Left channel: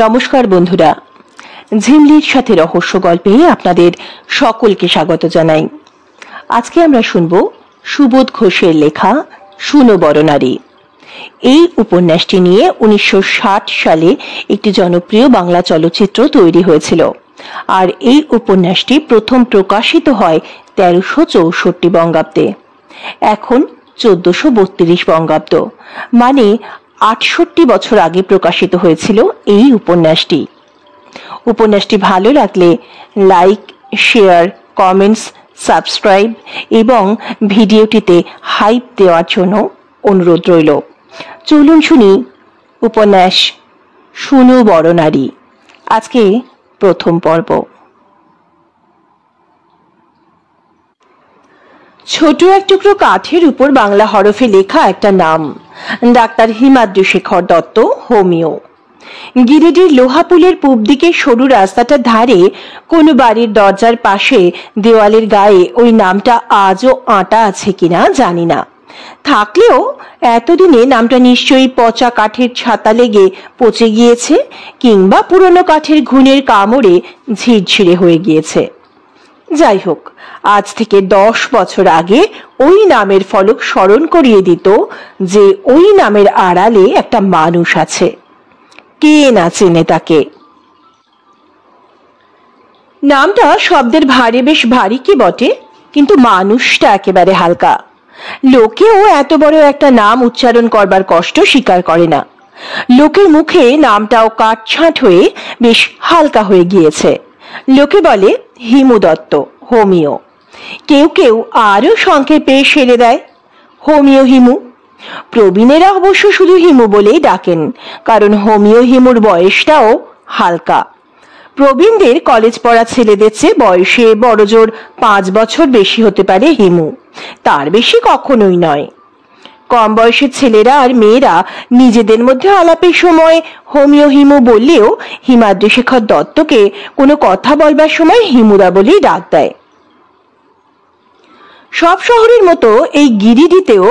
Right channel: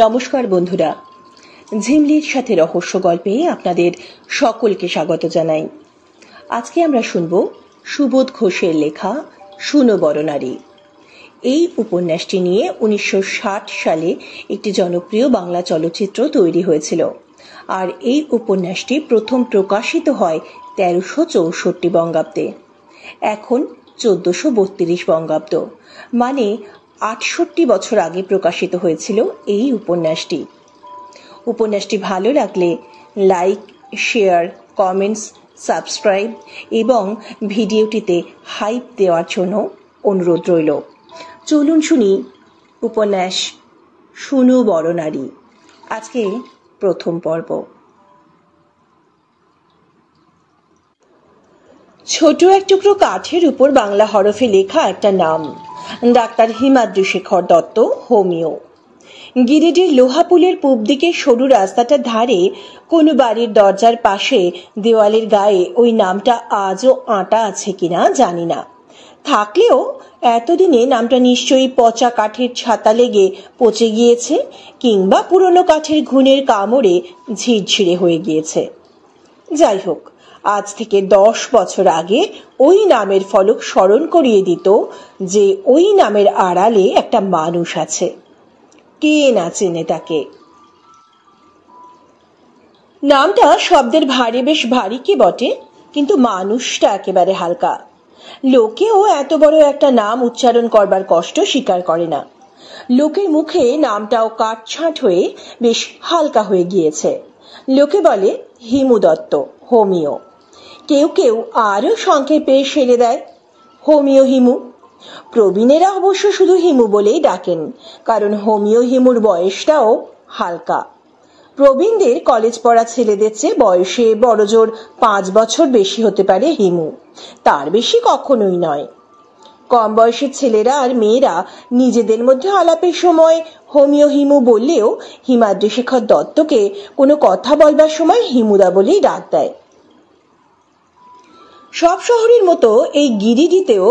নমস্কার বন্ধুরা, ঝিমলির সাথে রহস্য গল্পে আপনাদের সকলকে স্বাগত জানাই। আজকে আমরা শুনব সুবোধ ঘোষের লেখা শুনো বরনারী। এই উপন্যাসটি নিয়ে 1960 সালে একটি জনপ্রিয় বাংলা চলচ্চিত্র তৈরি হয়েছিল, আর এই উপন্যাসটি প্রথম প্রকাশিত হয় 1364 বঙ্গাব্দে। এখন 1432 বঙ্গাব্দ, মানে 68 বছর আগে প্রকাশিত হয়েছিল এই উপন্যাসটি। উপন্যাসটি ভালো লাগলে লাইক, শেয়ার, কমেন্টস, সাবস্ক্রাইব এবং ভিডিওটিতে হাইপ দেওয়ার জন্য অনুরোধ রইল। চলুন শুনি উপন্যাস শুনো বরনারী। আজকে প্রথম পর্ব। ছোট এক টুকরো কাঠের উপর বাংলা হরফে লেখা একটা নাম, ডাক্তার হিমাদ্রি শেখর দত্ত, হোমিও। গিরিডির লোহাপুলের পূব দিকে সরু রাস্তাটার ধারে কোনো বাড়ির দরজার পাশে দেওয়ালের গায়ে ওই নামটা আজও আঁটা আছে কিনা জানি না। থাকলেও এতদিনে নামটা নিশ্চয়ই পচা কাঠের ছাতা লেগে পচে গিয়েছে, কিংবা পুরনো কাঠের ঘুণের কামড়ে ঝিরঝিরে হয়ে গিয়েছে। যাই হোক, আজ থেকে 10 বছর আগে ওই নামের ফলক স্মরণ করিয়ে দিত যে ওই নামের আড়ালে একটা মানুষ আছে। কে না চেনে তাকে? নামটা শব্দের ভারে বেশ ভারী কি বটে, কিন্তু মানুষটা একেবারে হালকা। লোকেও এত বড় একটা নাম উচ্চারণ করবার কষ্ট স্বীকার করে না। লোকের মুখে নামটাও কাটছাঁট হয়ে বেশ হালকা হয়ে গিয়েছে। লোকে বলে হিমু দত্ত, হোমিও। কেউ কেউ আরো সংক্ষেপে সেরে দেয় হোমিও হিমু। প্রবীণেরা অবশ্য শুধু হিমু বলেই ডাকেন, কারণ হোমিও হিমুর বয়সটাও হালকা। প্রবীণদের কলেজ পড়া ছেলেদের চেয়ে বয়সে বড়জোর 5 বছর বেশি হতে পারে হিমু, তার বেশি কখনোই নয়। কম বয়সের ছেলেরা আর মেয়েরা নিজেদের মধ্যে আলাপের সময় হোমিও হিমু বললেও হিমাদ্রি শেখর দত্তকে কোনো কথা বলবার সময় হিমুদা বলেই ডাক দেয়। সব শহরের মতো এই গিরিডিতেও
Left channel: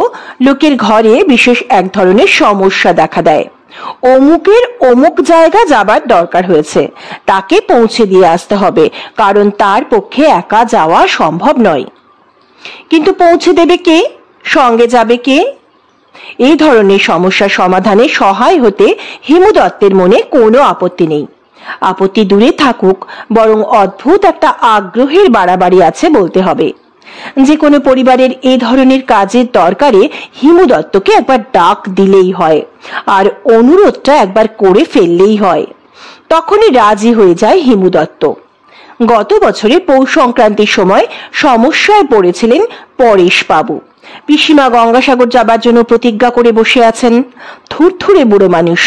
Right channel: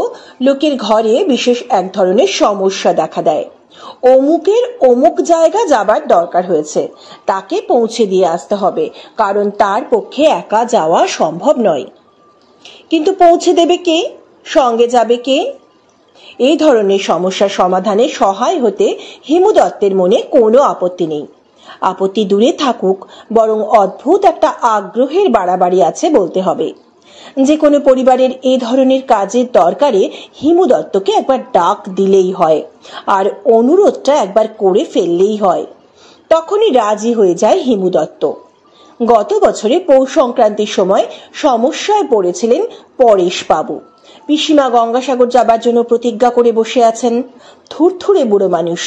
লোকের ঘরে বিশেষ এক ধরনের সমস্যা দেখা দেয়। অমুকের অমুক জায়গা যাবার দরকার হয়েছে, তাকে পৌঁছে দিয়ে আসতে হবে, কারণ তার পক্ষে একা যাওয়া সম্ভব নয়। কিন্তু পৌঁছে দেবে কে, সঙ্গে যাবে কে? এই ধরনের সমস্যার সমাধানে সহায় হতে হিমু দত্তের মনে কোনো আপত্তি নেই। আপত্তি দূরে থাকুক, বরং অদ্ভুত একটা আগ্রহের বাড়াবাড়ি আছে বলতে হবে। যে কোনো পরিবারের এ ধরনের কাজের দরকারে হিমু দত্তকে একবার ডাক দিলেই হয়, আর অনুরোধটা একবার করে ফেললেই হয়। তখনই রাজি হয়ে যায় হিমু দত্ত। গত বছরে পৌষ সংক্রান্তির সময় সমস্যায় পড়েছিলেন পরেশ বাবু। পিসিমা গঙ্গাসাগর যাবার জন্য প্রতিজ্ঞা করে বসে আছেন। থুরথুরে বুড়ো মানুষ।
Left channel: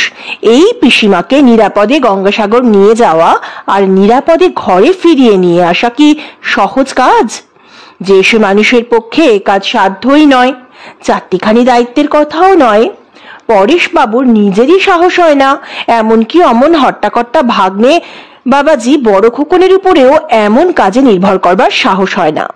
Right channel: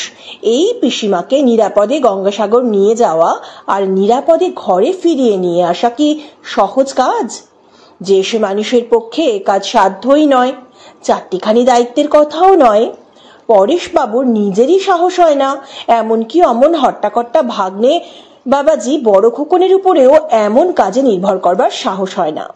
এই পিসিমাকে নিরাপদে গঙ্গাসাগর নিয়ে যাওয়া আর নিরাপদে ঘরে ফিরিয়ে নিয়ে আসা কি সহজ কাজ? যে সে মানুষের পক্ষে কাজ সাধ্যই নয়, চারটিখানি দায়িত্বের কথাও নয়। পরেশ বাবুর নিজেরই সাহস হয় না, এমনকি অমন হট্টাকট্টা ভাগ্নে বাবাজি বড় খোকনের উপরেও এমন কাজে নির্ভর করবার সাহস হয় না।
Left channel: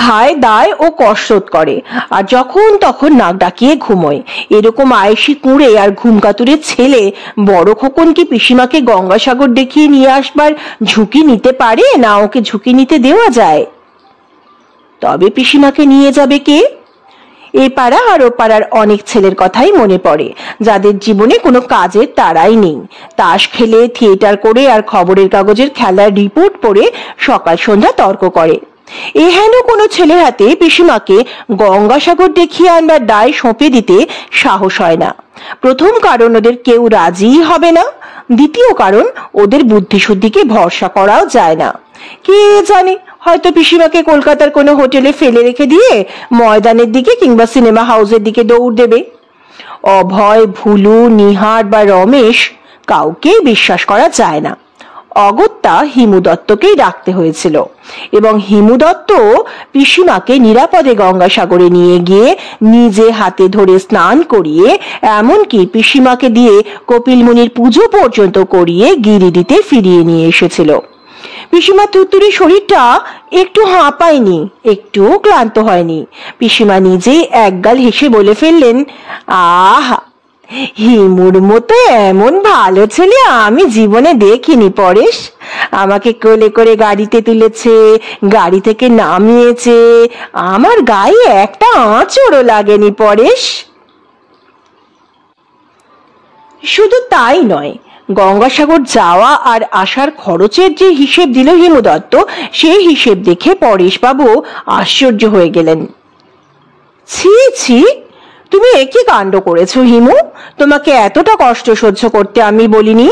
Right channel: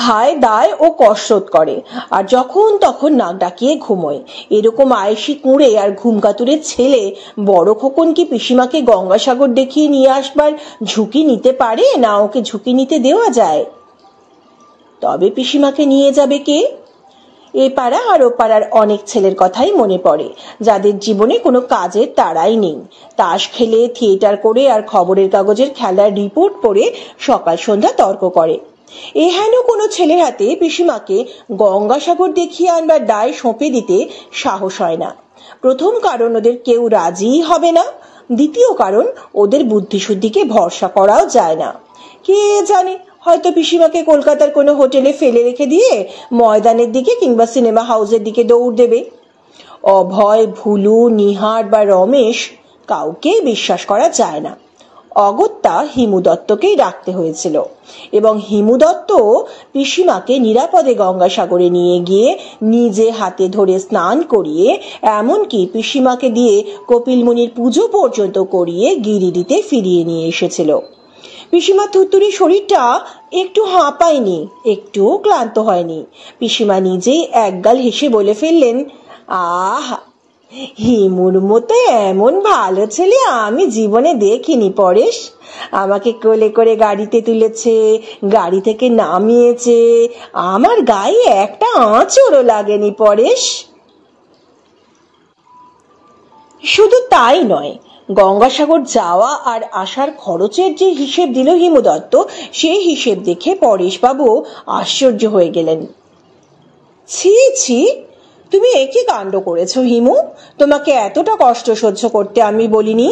খায় দায় ও কসরত করে, আর যখন তখন নাক ডাকিয়ে ঘুমোয়। এরকম আয়েসি কুঁড়ে আর ঘুমকাতুরের ছেলে বড় খোকন কি পিসিমাকে গঙ্গাসাগর দেখিয়ে নিয়ে আসবার ঝুঁকি নিতে পারে, না ওকে ঝুঁকি নিতে দেওয়া যায়? তবে পিসিমাকে নিয়ে যাবে কে? এ পাড়া আর ও পাড়ার অনেক ছেলের কথাই মনে পড়ে, যাদের জীবনে কোনো কাজের তাড়াই নেই। তাস খেলে, থিয়েটার করে আর খবরের কাগজের খেলার রিপোর্ট পড়ে সকাল সন্ধ্যা তর্ক করে। এহেন কোনো ছেলের হাতে পিসিমাকে গঙ্গাসাগর দেখিয়ে আনবার দায় সঁপে দিতে সাহস হয় না। প্রথম কারণ, ওদের কেউ রাজিই হবে না। দ্বিতীয় কারণ, ওদের বুদ্ধিশুদ্ধিকে ভরসা করাও যায় না। কে জানে, হয়তো পিসিমাকে কলকাতার কোনো হোটেলে ফেলে রেখে দিয়ে ময়দানের দিকে কিংবা সিনেমা হাউসের দিকে দৌড় দেবে। অভয়, ভুলু, নিহার বা রমেশ কাউকেই বিশ্বাস করা যায় না। অগত্যা হিমু দত্তকেই ডাকতে হয়েছিল, এবং হিমু দত্ত পিসিমাকে নিরাপদে গঙ্গাসাগরে নিয়ে গিয়ে নিজে হাতে ধরে স্নান করিয়ে, এমনকি পিসিমাকে দিয়ে কপিল মুনির পুজো পর্যন্ত করিয়ে গিরিডিতে ফিরিয়ে নিয়ে এসেছিল। পিসিমা তুতুরি শরীরটা একটু হাঁপায়নি, একটু ক্লান্ত হয়নি। পিসিমা নিজেই একগাল হেসে বলে ফেললেন, আহা, হিমুর মতো এমন ভালো ছেলে আমি জীবনে দেখিনি পরেশ। আমাকে কোলে করে গাড়িতে তুলেছে, গাড়ি থেকে নামিয়েছে, আমার গায়ে একটা আঁচড়ও লাগেনি পরেশ। শুধু তাই নয়, গঙ্গাসাগর যাওয়া আর আসার খরচের যে হিসেব দিল হিমু দত্ত, সেই হিসেব দেখে পরেশবাবু আশ্চর্য হয়ে গেলেন। ছি ছি, তুমি একই কাণ্ড করেছো হিমু, তোমাকে এতটা কষ্ট সহ্য করতে আমি বলিনি,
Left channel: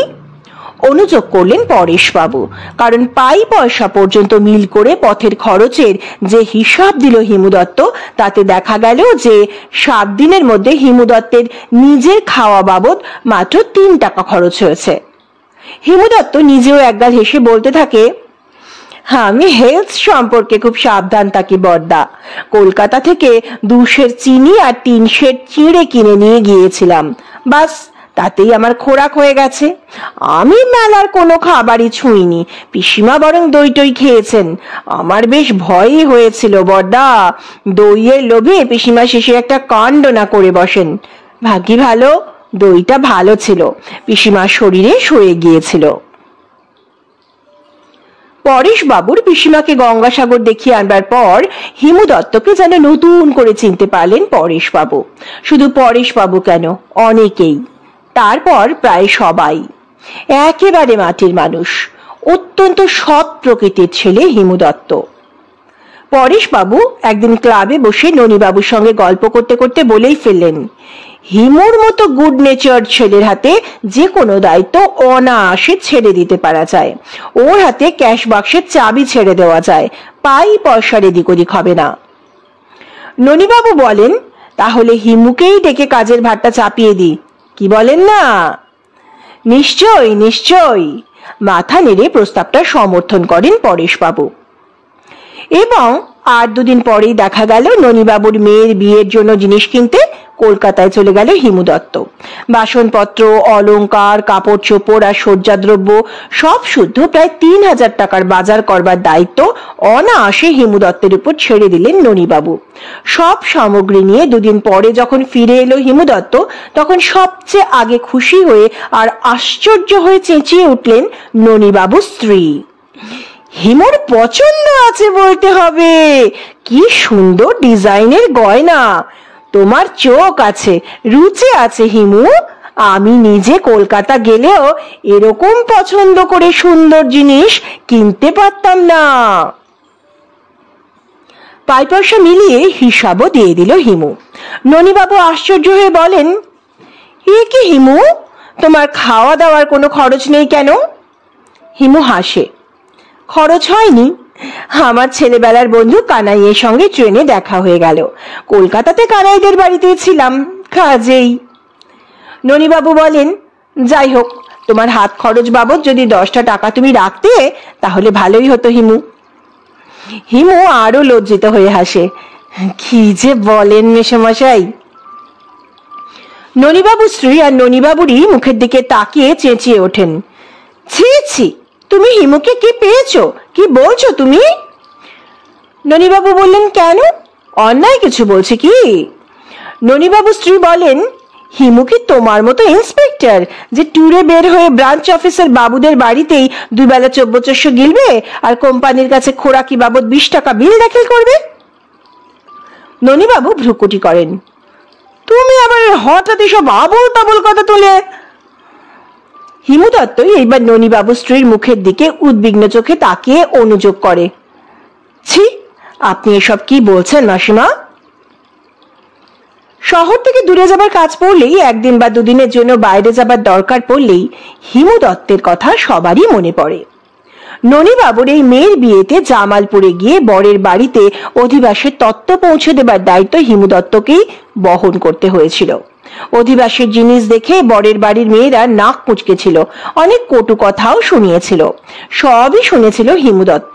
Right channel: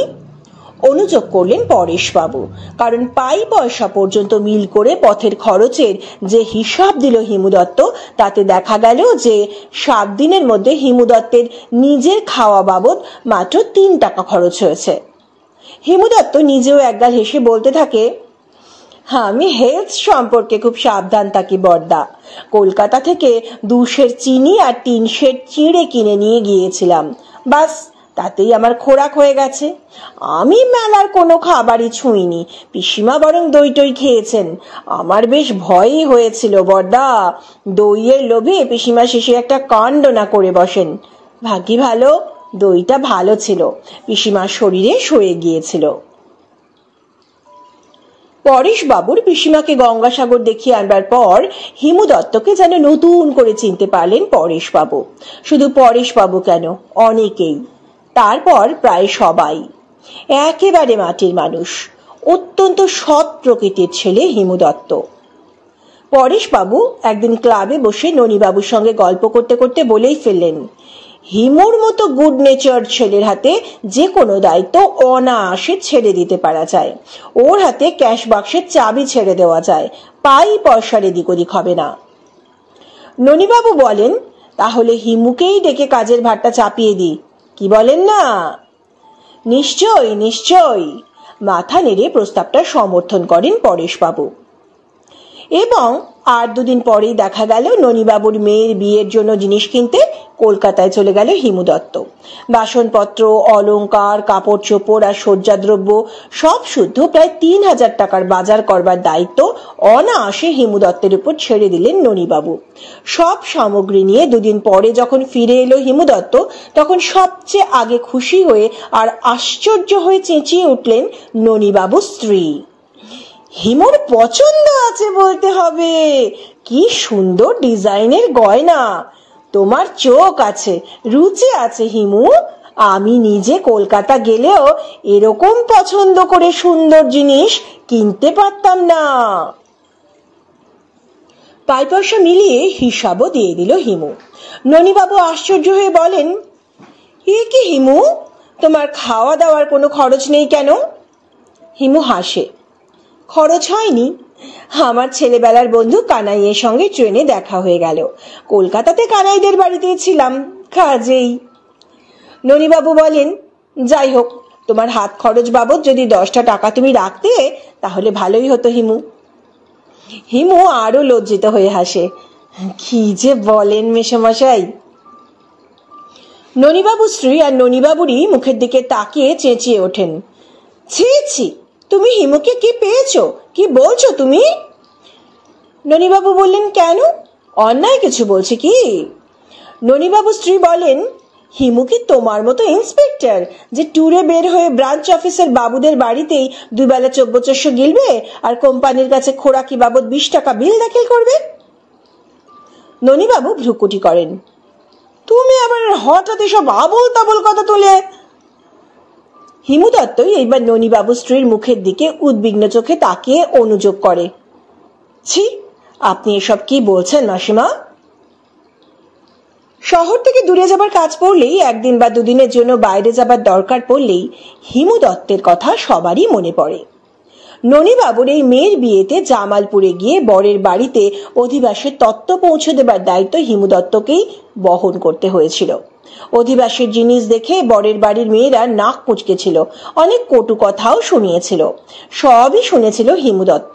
অনুযোগ করলেন পরেশবাবু। কারণ পাই পয়সা পর্যন্ত মিল করে পথের খরচের যে হিসাব দিল হিমু দত্ত, তাতে দেখা গেল যে 7 দিনের মধ্যে হিমু দত্তের নিজের খাওয়া বাবদ মাত্র 3 টাকা খরচ হয়েছে। হিমু দত্ত নিজেও একগাল হেসে বলতে থাকে, আমি হেলথ সম্পর্কে খুব সাবধান থাকি বড়দা। কলকাতা থেকে 2 সের চিনি আর 3 সের চিড়ে কিনে নিয়ে গিয়েছিলাম, বাস তাতেই আমার খোরাক হয়ে গেছে। আমি মেলার কোনো খাবারই ছুঁইনি, পিসিমা বরং দই টই খেয়েছেন। আমার বেশ ভয়ই হয়েছিল বড়দা, দইয়ের লোভে পিসিমা শেষে একটা কাণ্ড না করে বসেন। ভাগ্যি ভালো, দইটা ভালো ছিল, পিসিমার শরীরে সয়ে গিয়েছিল। পরেশবাবুর পিসিমাকে গঙ্গাসাগর দেখিয়ে আনবার পর হিমু দত্তকে যেন নতুন করে চিনতে পারলেন পরেশবাবু। শুধু পরেশবাবু কেন, অনেকেই, তারপর প্রায় সবাই। একেবারে মাটির মানুষ, অত্যন্ত সৎ প্রকৃতির ছেলে হিমু দত্ত। পরেশবাবু একদিন ক্লাবে বসে ননীবাবুর সঙ্গে গল্প করতে করতে বলেই ফেললেন, হিমুর মতো গুড নেচার ছেলের হাতে যে কোনো দায়িত্ব অনায়াসে ছেড়ে দিতে পারা যায়। ওর হাতে ক্যাশ বাক্সের চাবি ছেড়ে দেওয়া যায়, পাই পয়সার এদিক ওদিক হবে না। ননীবাবু বলেন, তাহলে হিমুকেই ডেকে কাজের ভারটা চাপিয়ে দিই, কি বলেন না? নিশ্চয়ই নিশ্চয়ই, মাথা নেড়ে প্রস্তাবটা সমর্থন করেন পরেশবাবু। এবং আর 2 দিন পরেই দেখা গেল ননীবাবুর মেয়ের বিয়ের জন্য জিনিস কিনতে কলকাতায় চলে গেল হিমু দত্ত। বাসনপত্র, অলংকার, কাপড় চোপড় আর সজ্জাদ্রব্য সব শুদ্ধ প্রায় 3000 টাকার বাজার করবার দায়িত্ব অনায়াসে হিমু দত্তের উপর ছেড়ে দিলেন ননীবাবু। সব সামগ্রী নিয়ে 2 দিন পরে যখন ফিরে এলো হিমু দত্ত, তখন সবচেয়ে আগে খুশি হয়ে আর আশ্চর্য হয়ে চেঁচিয়ে উঠলেন ননীবাবুর স্ত্রী, হিমুর পছন্দ আছে বলতে হবে, কি সুন্দর ডিজাইনের গয়না, তোমার চোখ আছে, রুচি আছে হিমু, আমি নিজে কলকাতা গেলেও এরকম পছন্দ করে সুন্দর জিনিস কিনতে পারতাম না। পাই পয়সা মিলিয়ে হিসাবও দিয়ে দিল হিমু। ননীবাবু আশ্চর্য হয়ে বলেন, এ কি হিমু, তোমার খাওয়া দাওয়ার কোনো খরচ নেই কেন? হিমু হাসে, খরচ হয়নি, আমার ছেলেবেলার বন্ধু কানাইয়ের সঙ্গে ট্রেনে দেখা হয়ে গেল, কলকাতাতে কানাইদের বাড়িতেই ছিলাম, কাজেই। ননীবাবু বলেন, যাই হোক, তোমার হাত খরচ বাবদ যদি 10টা টাকা তুমি রাখতে তাহলে ভালোই হতো হিমু। হিমু আরো লজ্জিত হয়ে হাসে, কি যে বলেন মেসোমশাই। ননীবাবু স্ত্রী আর ননীবাবুরই মুখের দিকে তাকিয়ে চেঁচিয়ে ওঠেন, ছি ছি, তুমি হিমুকে কি পেয়েছো, কি বলছো তুমি? ননীবাবু বললেন, কেন, অন্যায় কিছু বলছে কি? ননীবাবু স্ত্রী বলেন, হিমু কি তোমার মতো ইন্সপেক্টর যে ট্যুরে বের হয়ে ব্রাঞ্চ অফিসের বাবুদের বাড়িতেই 2 বেলা চব্যচস্য গিলবে আর কোম্পানির কাছে খোরাকি বাবদ 20 টাকা বিল দাখিল করবে? ননীবাবু ভ্রুকুটি করেন, তুমি আবার হঠাৎ এসব আবল তাবল কথা তুলে। হিমু দত্ত এইবার ননীবাবু স্ত্রীর মুখের দিকে উদ্বিগ্ন চোখে তাকিয়ে অনুযোগ করে, ছি, আপনি এসব কি বলছেন মাসিমা? শহর থেকে দূরে যাবার কাজ পড়লেই, 1 দিন বা 2 দিনের জন্য বাইরে যাবার দরকার পড়লেই হিমু দত্তের কথা সবারই মনে পড়ে। ননীবাবুর এই মেয়ের বিয়েতে জামালপুরে গিয়ে বরের বাড়িতে অধিবাসের তত্ত্ব পৌঁছে দেবার দায়িত্ব হিমু দত্তকেই বহন করতে হয়েছিল। অধিবাসের জিনিস দেখে বরের বাড়ির মেয়েরা নাক কুঁচকেছিল, অনেক কটু কথাও শুনিয়েছিল, সবই শুনেছিল হিমু দত্ত,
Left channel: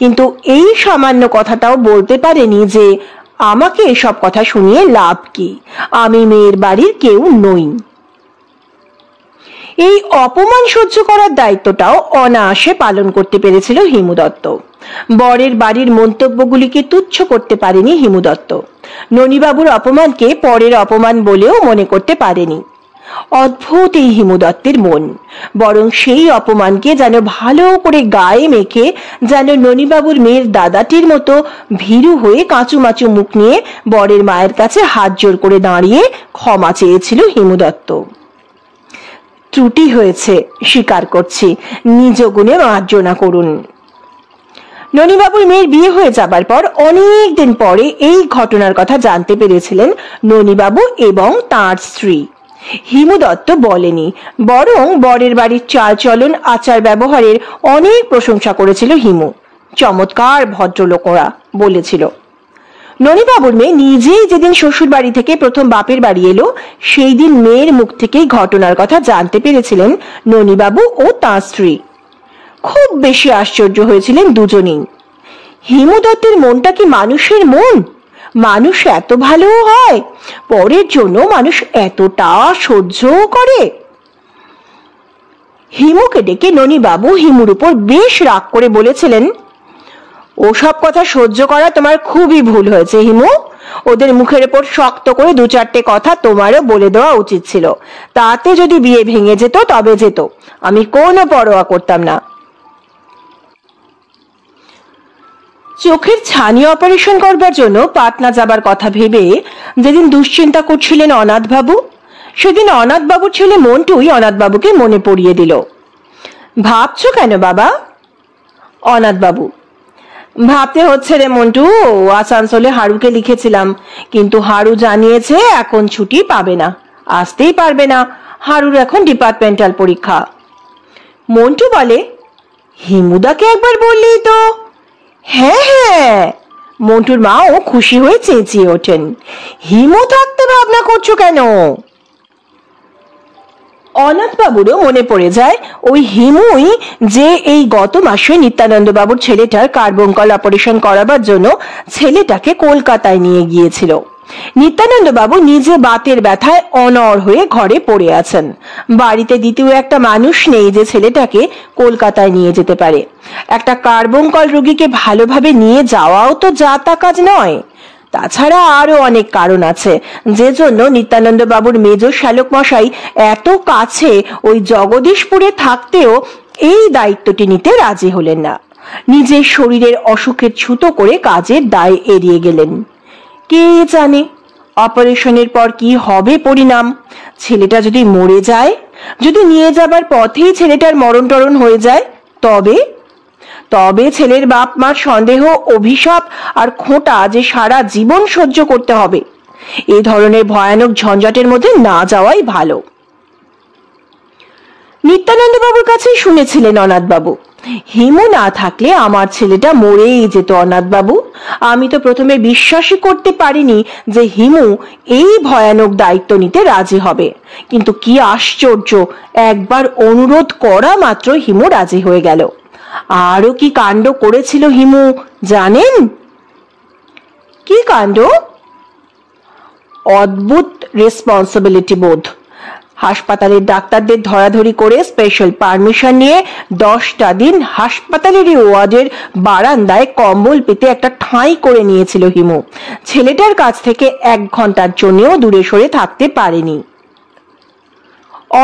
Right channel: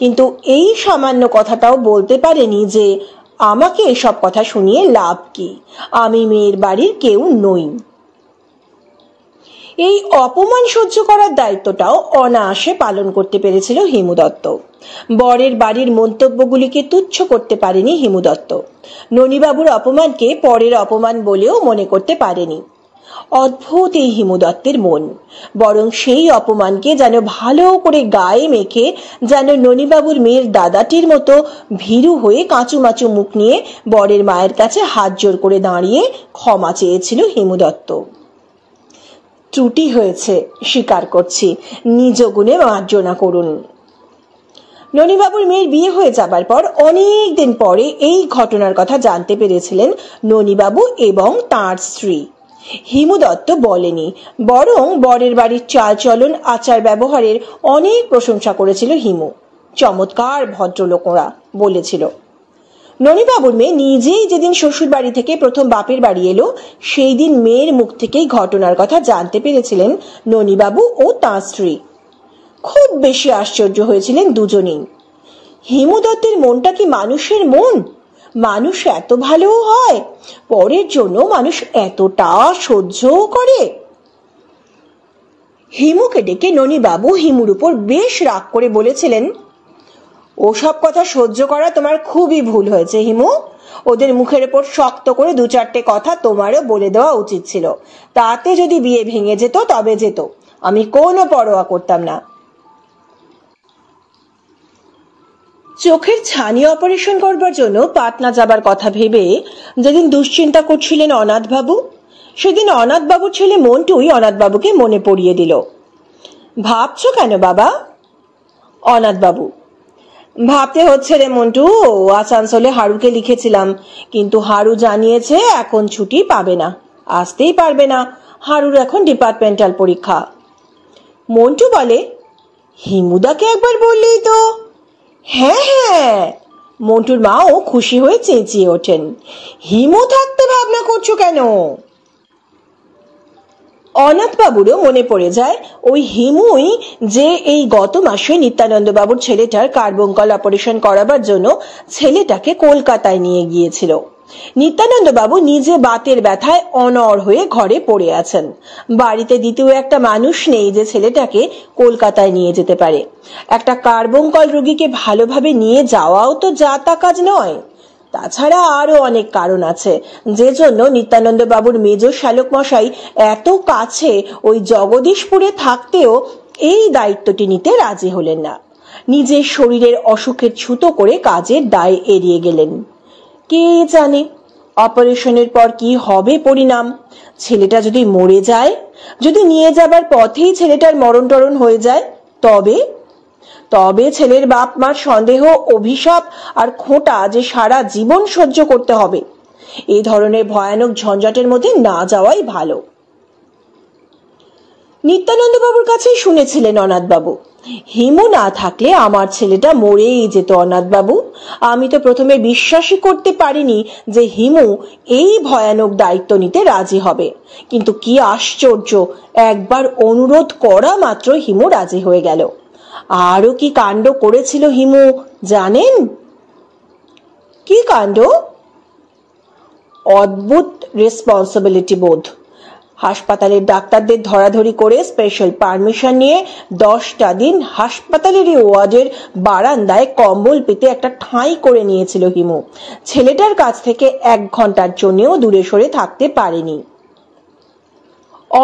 কিন্তু এই সামান্য কথাটাও বলতে পারেনি যে আমাকে এসব কথা শুনিয়ে লাভ কি, আমি মেয়ের বাড়ির কেউ নই। এই অপমান সহ্য করার দায়িত্বটাও অনায়াসে পালন করতে পেরেছিল হিমু দত্ত। বরের বাড়ির মন্তব্যগুলিকে তুচ্ছ করতে পারেনি হিমু দত্ত। ননীবাবুর অপমানকে পরের অপমান বলেও মনে করতে পারেনি। অদ্ভুত এই হিমু দত্তের মন। বরং সেই অপমানকে যেন ভালো করে গায়ে মেখে যেন ননিবাবুর মেয়ের দাদাটির মতো ভীরু হয়ে কাঁচুমাচু মুখ নিয়ে বরের মায়ের কাছে হাত জোর করে দাঁড়িয়ে ক্ষমা চেয়েছিল হিমু দত্ত। ত্রুটি হয়েছে, স্বীকার করছি, নিজ গুণে মার্জনা করুন। ননিবাবুর মেয়ের বিয়ে হয়ে যাবার পর অনেক দিন পরে এই ঘটনার কথা জানতে পেরেছিলেন ননিবাবু এবং তাঁর স্ত্রী। হিমু দত্ত বলেনি, বরং বরের বাড়ির চাল চলন আচার ব্যবহারের অনেক প্রশংসা করেছিল হিমু। চমৎকার ভদ্রলোক ওরা বলেছিল। ননিবাবুর মেয়ে নিজেই যেদিন শ্বশুর বাড়ি থেকে প্রথম বাপের বাড়ি এলো সেই দিন মেয়ের মুখ থেকেই ঘটনার কথা জানতে পেরেছিলেন ননিবাবু ও তাঁর স্ত্রী। খুব বেশি আশ্চর্য হয়েছিলেন দুজনেই। হিমু দত্তের মনটা কি মানুষের মন? মানুষ এত ভালো হয়? পরের জন্য মানুষ এতটা সহ্য করে? হিমুকে ডেকে ননিবাবু হিমুর উপর বেশ রাগ করে বলেছিলেন, ওসব কথা সহ্য করা তোমার খুবই ভুল হয়েছে হিমু। ওদের মুখের উপর শক্ত করে দু চারটে কথা তোমারও বলে দেওয়া উচিত ছিল। তাতে যদি বিয়ে ভেঙে যেত তবে যেত, আমি কোনো পরোয়া করতাম না। চোখের ছানি অপারেশন করবার জন্য পাটনা যাবার কথা ভেবে যেদিন দুশ্চিন্তা করছিলেন অনাথবাবু, সেদিন অনাথবাবুর ছেলে মন্টুই অনাথবাবুকে মনে পড়িয়ে দিল। ভাবছো কেন বাবা? অনাথবাবু, ভাবতে হচ্ছে রে মন্টু, আসানসোলে হারুকে লিখেছিলাম, কিন্তু হারু জানিয়েছে এখন ছুটি পাবে না, আসতেই পারবে না। হারুর এখন ডিপার্টমেন্টাল পরীক্ষা। মন্টু বলে, হিমুদাকে একবার বললেই তো। হ্যাঁ হ্যাঁ, মন্টুর মাও খুশি হয়ে চেঁচিয়ে ওঠেন, হিমু থাকতে ভাবনা করছো কেন? অনাথবাবুরও মনে পড়ে যায় ওই হিমুই যে এই গত মাসে নিত্যানন্দ বাবুর ছেলেটার কার্বঙ্কল অপারেশন করাবার জন্য ছেলেটাকে কলকাতায় নিয়ে গিয়েছিল। নিত্যানন্দ বাবু নিজে বাতের ব্যথায় অনড় হয়ে ঘরে পড়ে আছেন। বাড়িতে দ্বিতীয় একটা মানুষ নেই যে ছেলেটাকে কলকাতায় নিয়ে যেতে পারে। একটা কার্বঙ্কল রোগীকে ভালোভাবে নিয়ে যাওয়াও তো যা তা কাজ নয়। তাছাড়া আরো অনেক কারণ আছে যে জন্য নিত্যানন্দ বাবুর মেজ শ্যালক মশাই এত কাছে ওই জগদীশপুরে থাকতেও এই দায়িত্বটি নিতে রাজি হলেন না। নিজের শরীরের অসুখের ছুতো করে কাজের দায় এড়িয়ে গেলেন। কে জানে অপারেশনের পর কি হবে পরিণাম? ছেলেটা যদি মরে যায়, যদি নিয়ে যাবার পথেই ছেলেটার মরণ টরণ হয়ে যায়, তবে তবে ছেলের বাপ মার সন্দেহ, অভিশাপ আর খোঁটা যে সারা জীবন সহ্য করতে হবে। এই ধরনের ভয়ানক ঝঞ্ঝাটের মধ্যে না যাওয়াই ভালো। নিত্যানন্দ বাবুর কাছেই শুনেছিলেন অনাথবাবু, হিমু না থাকলে আমার ছেলেটা মরেই যেত অনাথবাবু। আমি তো প্রথমে বিশ্বাসই করতে পারিনি যে হিমু এই ভয়ানক দায়িত্ব নিতে রাজি হবে, কিন্তু কি আশ্চর্য, একবার অনুরোধ করা মাত্র হিমু রাজি হয়ে গেল। আরো কি কাণ্ড করেছিল হিমু জানেন? কি কাণ্ড? অদ্ভুত রেসপন্সিবিলিটি বোধ। হাসপাতালের ডাক্তারদের ধরাধরি করে স্পেশাল পারমিশন নিয়ে 10টা দিন হাসপাতালেরই ওয়ার্ডের বারান্দায় কম্বল পেতে একটা ঠাঁই করে নিয়েছিল হিমু। ছেলেটার কাছ থেকে 1 ঘন্টার জন্যও দূরে সরে থাকতে পারেনি।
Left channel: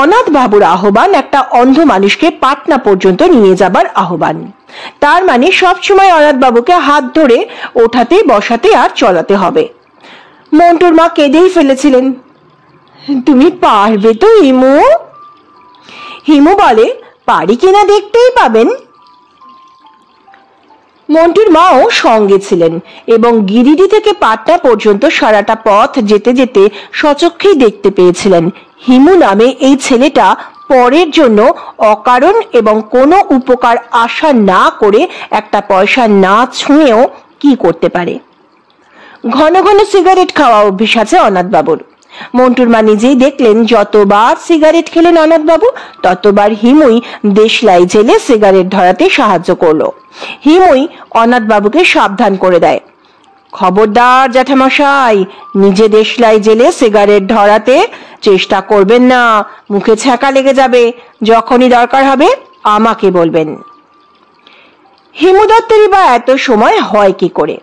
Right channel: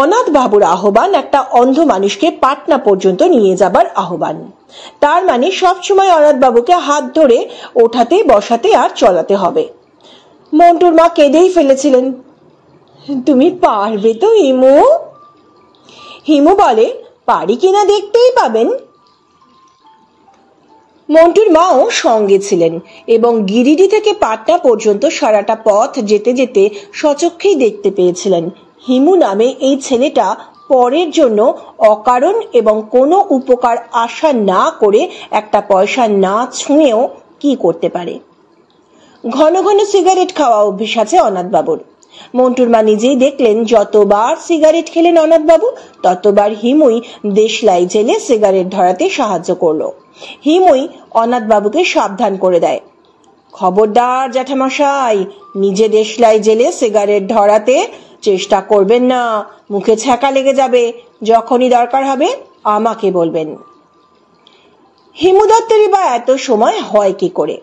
অনাথ বাবুর আহ্বান একটা অন্ধ মানুষকে পাটনা পর্যন্ত নিয়ে যাবার আহ্বান। তার মানে সবসময় অনাথ বাবুকে হাত ধরে ওঠাতে বসাতে আর চলাতে হবে। মন্টুর মা কেঁদেই ফেলেছিলেন, তুমি পারবে তো হিমু? হিমু বলে, পারি কিনা দেখতেই পাবেন। মন্টুর মাও সঙ্গে ছিলেন এবং গিরিডি থেকে পাটনা পর্যন্ত সারাটা পথ যেতে যেতে সচক্ষেই দেখতে পেয়েছিলেন হিমু নামে এই ছেলেটা পরের জন্য অকারণ এবং কোনো উপকার আশা না করে একটা পয়সা না ছুঁয়েও কি করতে পারে। ঘন ঘন সিগারেট খাওয়া অভ্যেস আছে অনাথবাবুর। মন্টুর মা নিজেই দেখলেন যতবার সিগারেট খেলেন অনাথবাবু ততবার হিমুই দেশলাই জেলে সিগারেট ধরাতে সাহায্য করলো। হিমুই অনাথবাবুকে সাবধান করে দেয়, খবরদার জ্যাঠামশাই, নিজে দেশলাই জেলে সিগারেট ধরাতে চেষ্টা করবেন না, মুখে ছ্যাঁকা লেগে যাবে। যখনই দরকার হবে আমাকে বলবেন। হিমু দত্তেরই বা এত সময় হয় কি করে?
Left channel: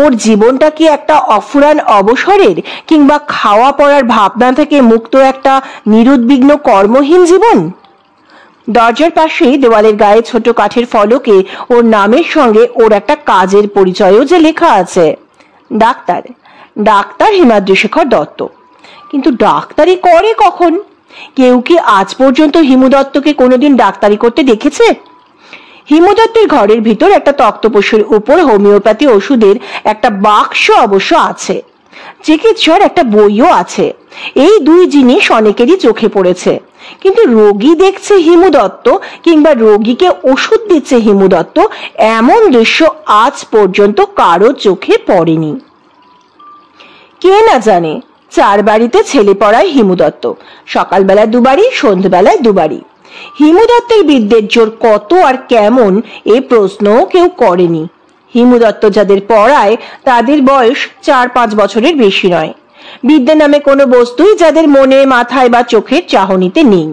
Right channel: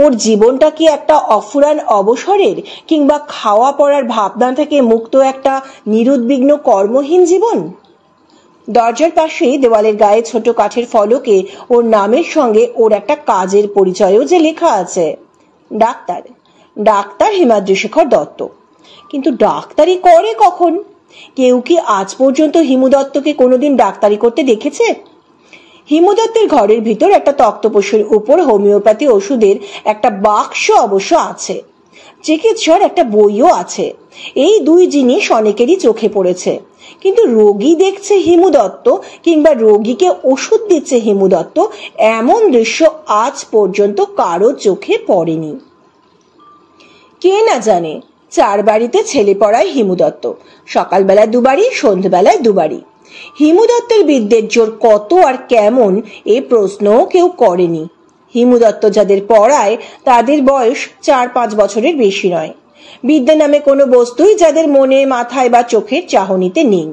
ওর জীবনটা কি একটা অফুরান অবসরের, কিংবা খাওয়া পড়ার ভাবনা থেকে মুক্ত একটা নিরুদ্বিগ্ন কর্মহীন জীবন? দরজার পাশেই দেওয়ালের গায়ে ছোট কাঠের ফলকে ওর নামের সঙ্গে ওর একটা কাজের পরিচয়ও যে লেখা আছে, ডাক্তার, ডাক্তার হিমাদ্রি শেখর দত্ত। কিন্তু ডাক্তারি করে কখন? কেউ কি আজ পর্যন্ত হিমু দত্তকে কোনোদিন ডাক্তারি করতে দেখেছে? হিমু দত্তের ঘরের ভিতর একটা তক্তপোষের উপর হোমিওপ্যাথি ওষুধের একটা বাক্স অবশ্য আছে, চিকিৎসার একটা বইও আছে। এই দুই জিনিস অনেকেরই চোখে পড়েছে, কিন্তু রোগী দেখছে হিমু দত্ত কিংবা রোগীকে ওষুধ দিচ্ছে হিমু দত্ত, এমন দৃশ্য আজ পর্যন্ত কারো চোখে পড়েনি। কে না জানে চার বাড়িতে ছেলে পড়ায় হিমু দত্ত, সকালবেলা দুবারই, সন্ধ্যাবেলায় দুবারই। হিমু দত্তের বিদ্যের জোর কত আর কেমন এ প্রশ্ন কেউ করেনি। হিমু দত্ত যাদের পড়ায় তাদের বয়স 4-5 বছরের বেশি নয়। বিদ্যা নামে কোনো বস্তুই যাদের মনে, মাথায় বা চোখের চাহনিতে নেই।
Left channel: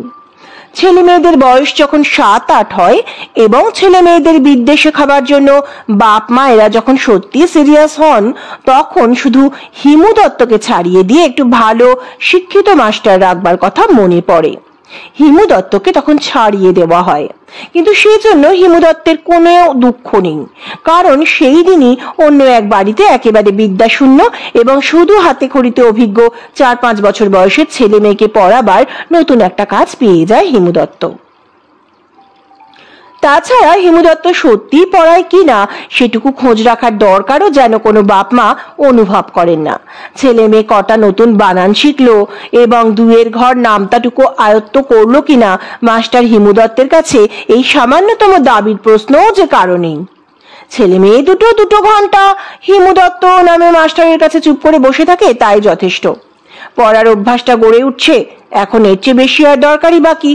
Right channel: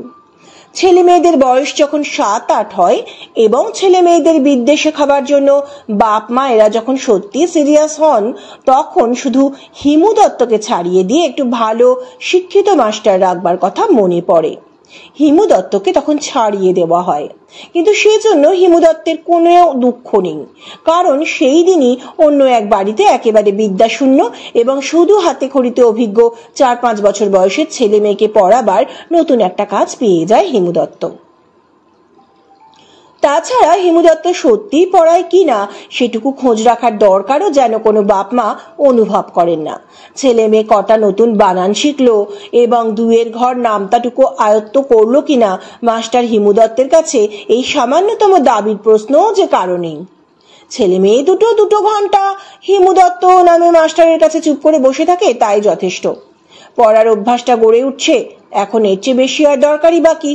ছেলে মেয়েদের বয়স যখন 7-8 হয় এবং ছেলে মেয়েদের বিদ্যে শেখাবার জন্য বাপ মায়েরা যখন সত্যি সিরিয়াস হন, তখন শুধু হিমু দত্তকে ছাড়িয়ে দিয়ে একটু ভালো শিক্ষিত মাস্টার রাখবার কথা মনে পড়ে। হিমু দত্তকে তখন ছাড়িয়ে দেওয়া হয়, কিন্তু সেই জন্য হিমু দত্তের কোনো দুঃখ নেই, কারণ সেই দিনই অন্য এক বাড়িতে একেবারে বিদ্যাশূন্য এবং শুধু হাতে খড়িতে অভিজ্ঞ 4-5 বছর বয়সের ছেলে মেয়েকে পড়াবার নতুন একটা কাজ পেয়ে যায় হিমু দত্ত। তাছাড়া হিমু দত্ত সত্যি পড়ায় কিনা সেটুকু খোঁজ রাখার দরকারও যেন কোনো বাপ মা অনুভব করেন না। ছেলে মেয়ে কটা নতুন বানান শিখলো এবং দুয়ের ঘর নামতাটুকু আয়ত্ত করলো কিনা মাস্টার হিমু দত্তের কাছে এই সামান্যতম দাবির প্রশ্নও যে কারণেই। ছেলে মেয়ে দুটো ঘন্টা হিমু দত্ত নামে মাস্টারের কাছে চুপ করে বসে থাকে, তাই যথেষ্ট। পড়ার অভ্যাসটা গড়ে উঠছে, এখন এর চেয়ে বেশি আর দরকারই বাকি।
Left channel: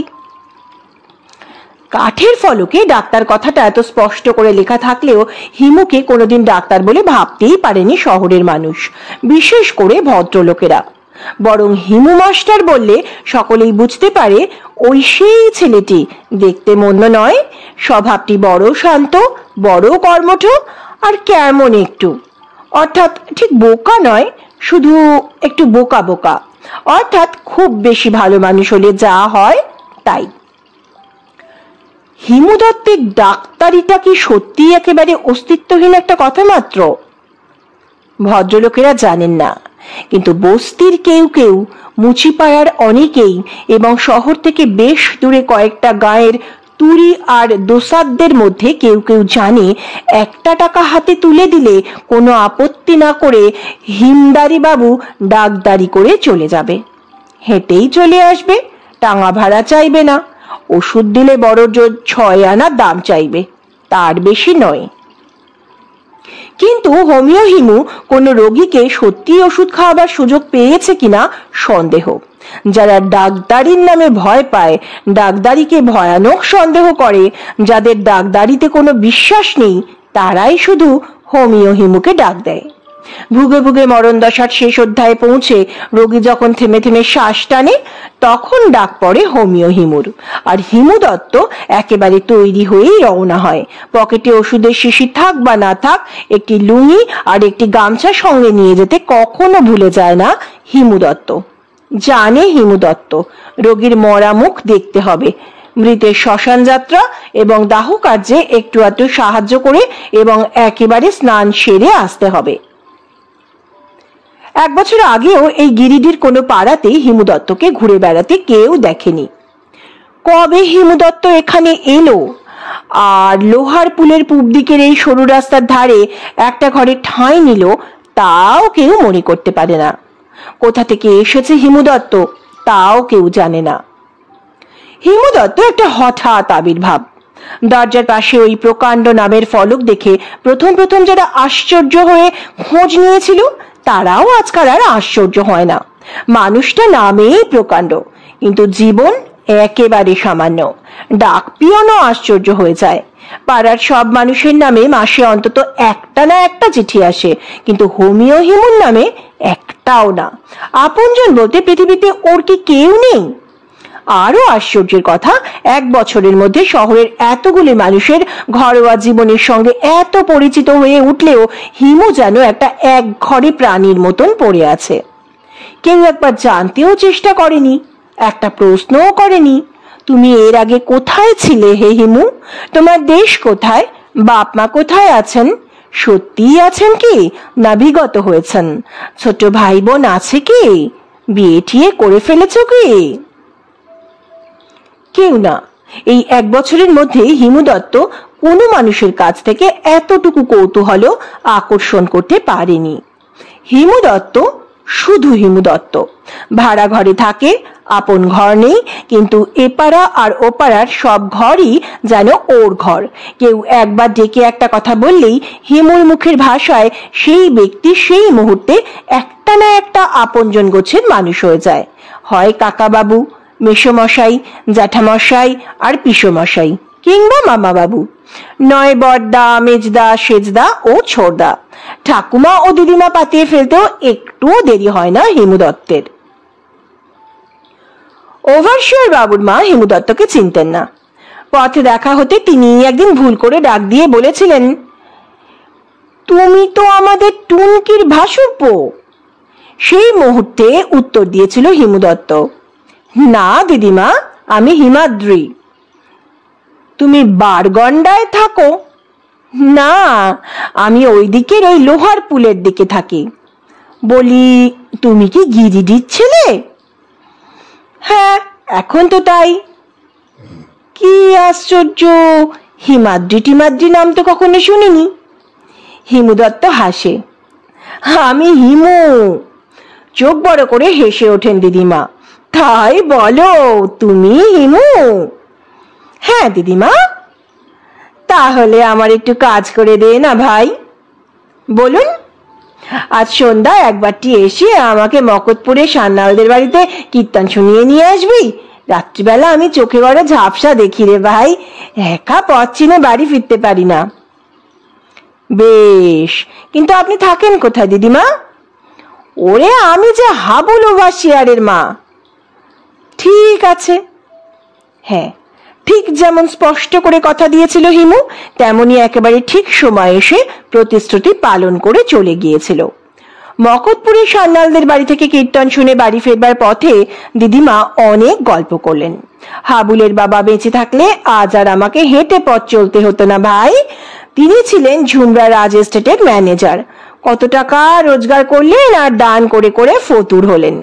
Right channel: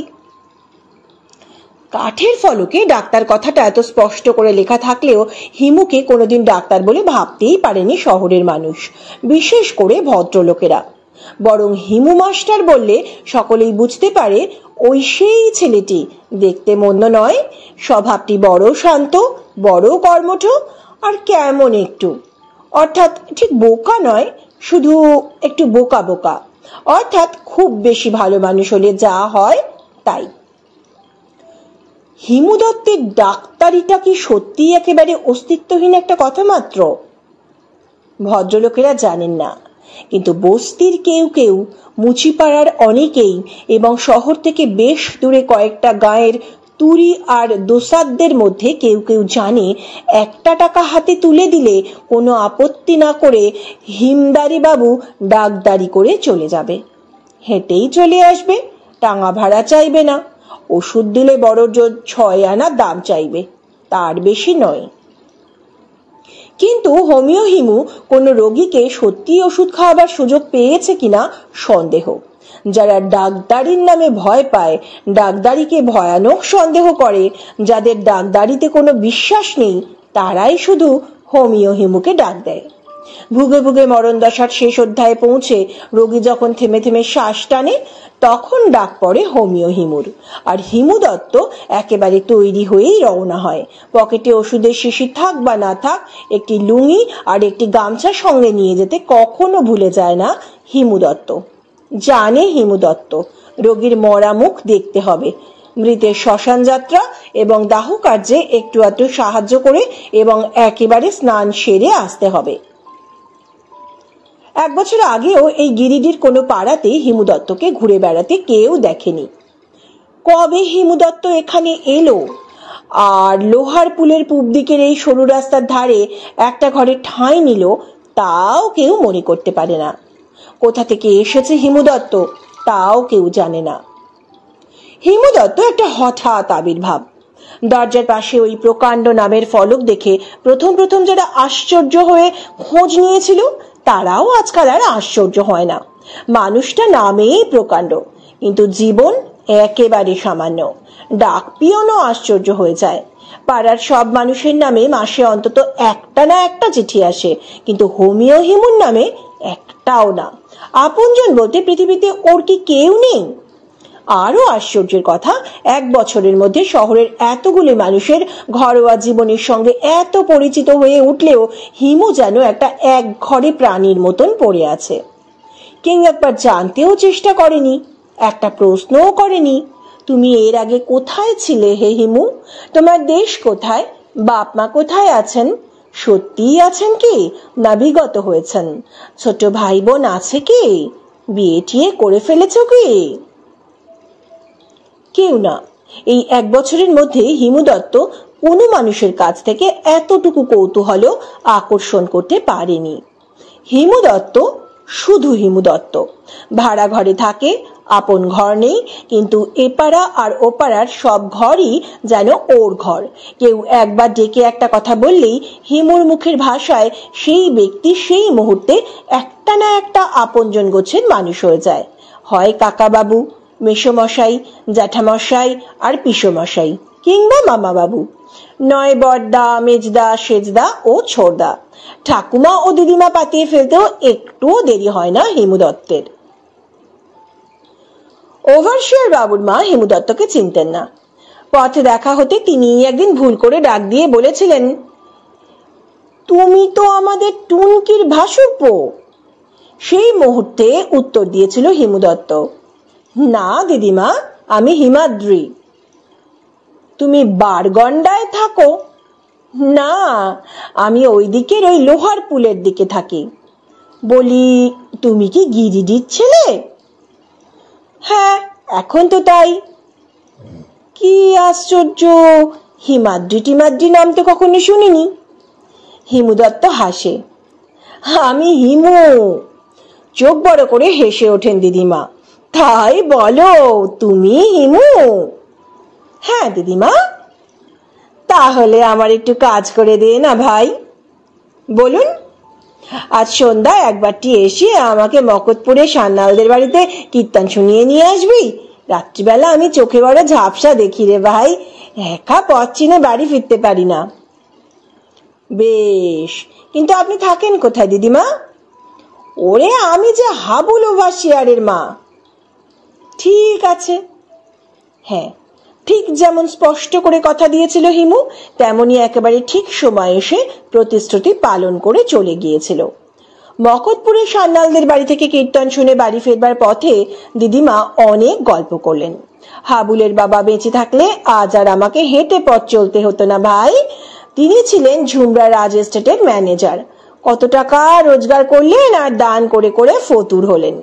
কাঠের ফলকে ডাক্তার কথাটা এত স্পষ্ট করে লেখা থাকলেও হিমুকে কোনোদিন ডাক্তার বলে ভাবতেই পারেনি শহরের মানুষ, বিশেষ করে ভদ্রলোকেরা। বরং হিমু মাস্টার বললে সকলেই বুঝতে পারে ওই সেই ছেলেটি, দেখতে মন্দ নয়, স্বভাবটি বড় শান্ত, বড় কর্মঠ, আর কেমন একটু, অর্থাৎ ঠিক বোকা নয়, শুধু একটু বোকা বোকা, অর্থাৎ খুব বেশি ভালো মানুষ হলে যা হয় তাই। হিমু দত্তের ডাক্তারিটা কি সত্যি একেবারে অস্তিত্বহীন একটা কথা মাত্র? ভদ্রলোকেরা জানেন না, কিন্তু বস্তির কেউ কেউ, মুচিপাড়ার অনেকেই এবং শহর থেকে বেশ দূরে কয়েকটা গাঁয়ের তুরি আর দোসাদদের মধ্যে কেউ কেউ জানে 1 টাকা হাতে তুলে দিলে কোনো আপত্তি না করে হিমদারি বাবু ডাকদারি করে চলে যাবে, হেঁটেই চলে আসবে, টাঙা ভাড়া চাইবে না, ওষুধ দিলে বড় জোর 6 আনা দাম চাইবে, তার বেশি নয়। কিন্তু হোমিও হিমু কোনো রোগীকে সত্যি ওষুধ খাওয়াবার সুযোগ পেয়েছে কিনা সন্দেহ। যারা ডাক্তারির নামে ভয় পায়, ডাক্তারিকে ভয়ানক সন্দেহ করে, যাদের ডাক্তারিতে কোনো বিশ্বাস নেই, তারাই শুধু হোমিও হিমুকে ডাক দেয়। ভুগে ভুগে মরণ দশার শেষ অধ্যায়ে পৌঁছে রোগী যখন থেমে থেমে শ্বাস টানে, তখন ডাক পড়ে হোমিও হিমুর, আর হিমু দত্ত একেবারে তৈরি হয়েই রওনা হয়। পকেটে ওষুধের শিশি থাক বা না থাক, একটি লুঙ্গি আর একটি গামছা সঙ্গে নিয়ে যেতে কখনো ভুলে যায় না হিমু দত্ত। জানে হিমু দত্ত রোগীর মরা মুখ দেখতে হবে, মৃতের শ্মশান যাত্রা এবং দাহ কার্যে একটু একটু সাহায্য করে এবং একেবারে স্নান সেরে আসতে হবে। 1 বছর আগেও এই গিরিডির কোনো পাড়াতে হিমু দত্তকে ঘুরে বেড়াতে কেউ দেখেনি। কবে হিমু দত্ত এখানে এলো আর লোহার পুলের পূব দিকের এই সরু রাস্তার ধারে একটা ঘরে ঠাঁই নিল, তাও কেউ মনে করতে পারে না। কোথা থেকে এসেছে হিমু দত্ত, তাও কেউ জানে না। হিমু দত্ত একটা হঠাৎ আবির্ভাব। দরজার পাশে ওই প্রকাণ্ড নামের ফলক দেখে প্রথম প্রথম যারা আশ্চর্য হয়ে খোঁজ নিয়েছিল, তারাও আজকাল আর আশ্চর্য হয় না। মানুষটা নামেই প্রকাণ্ড, কিন্তু জীবন একেবারে সামান্য। ডাক পিয়নও আশ্চর্য হয়ে যায়। পাড়ার সব মানুষের নামে মাসে অন্তত একটা না একটা চিঠি আসে, কিন্তু হোমিও হিমুর নামে একটাও না। আপনজন বলতে পৃথিবীতে ওর কি কেউ নেই? আরো আশ্চর্যের কথা, 1 বছরের মধ্যে শহরের এতগুলি মানুষের ঘরোয়া জীবনের সঙ্গে এত পরিচিত হয়ে উঠলেও হিমু যেন একটা একঘরে প্রাণীর মতন পড়ে আছে। কেউ একবার জানতেও চেষ্টা করেনি, একটা প্রশ্নও করেনি, তুমি এর আগে কোথায় ছিলে হে হিমু? তোমার দেশ কোথায়? বাপ মা কোথায় আছেন? সত্যিই আছেন কি না বিগত হয়েছেন? ছোট ভাই বোন আছে কি? বিয়ে টিয়ে করে ফেলেছ কি? কেউ না। এই 1 বছরের মধ্যে হিমু দত্ত কোনো মানুষের কাছ থেকে এতটুকু কৌতূহল আকর্ষণ করতে পারেনি। হিমু দত্ত শুধু হিমু দত্ত। ভাড়া ঘরে থাকে, আপন ঘর নেই, কিন্তু এপাড়া আর ওপাড়ার সব ঘরই যেন ওর ঘর। কেউ একবার ডেকে একটা কথা বললেই হিমুর মুখের ভাষায় সেই ব্যক্তি সেই মুহূর্তে একটা না একটা আপনজন গোছের মানুষ হয়ে যায়। হয় কাকাবাবু, মেসোমশাই, জ্যাঠামশাই আর পিসোমশাই, কিংবা মামাবাবু, নয় বড়দা, মেজদা, সেজদা ও ছোড়দা। ঠাকুমা ও দিদিমা পাতিয়ে ফেলতেও একটুও দেরি হয় না হিমু দত্তের। ওভারশিয়ার বাবুর মা হিমু দত্তকে চিনতেন না। পথে দেখা হতে তিনি একদিন ভুল করে ডাক দিয়ে বলেছিলেন, তুমি তো আমাদের টুনকির ভাসুরপো। সেই মুহূর্তে উত্তর দিয়েছিল হিমু দত্ত, না দিদিমা, আমি হিমাদ্রি। তুমি বারগন্ডায় থাকো? না, আমি ওই দিকের ওই লোহার পুলের দিকে থাকি। বলি, তুমি কি গিরিডির ছেলে? হ্যাঁ, এখন তো তাই। কি আশ্চর্য, হিমাদ্রি টিমাদ্রি নাম তো কখনো শুনিনি। হিমু দত্ত হাসে, আমি হিমু। চোখ বড় করে হেসে ওঠেন দিদিমা, তাই বলো, তুমি হিমু? হ্যাঁ দিদিমা। তাহলে আমার একটু কাজ করে দে না ভাই। বলুন। আজ সন্ধ্যা একবারটি এসে আমাকে মকতপুরে সান্যালদের বাড়িতে কীর্তন শুনিয়ে নিয়ে আসবি। রাত্রিবেলা আমি চোখে বড় ঝাপসা দেখি রে ভাই, একা পথ চিনে বাড়ি ফিরতে পারি না। বেশ, কিন্তু আপনি থাকেন কোথায় দিদিমা? ওরে, আমি যে হাবুল ওভারশিয়ারের মা। ঠিক আছে। হ্যাঁ, ঠিক যেমন স্পষ্ট করে কথা দিয়েছিল হিমু, তেমনি একেবারে ঠিক সময় এসে প্রতিশ্রুতি পালন করে চলে গিয়েছিল। মকতপুরের সান্যালদের বাড়ি থেকে কীর্তন শুনে বাড়ি ফেরবার পথে দিদিমা অনেক গল্প করলেন। হাবুলের বাবা বেঁচে থাকলে আজ আর আমাকে হেঁটে পথ চলতে হতো না ভাই। তিনি ছিলেন ঝুমরা রাজ এস্টেটের ম্যানেজার। কত টাকা রোজগার করলেন আর দান করে করে ফতুর হলেন।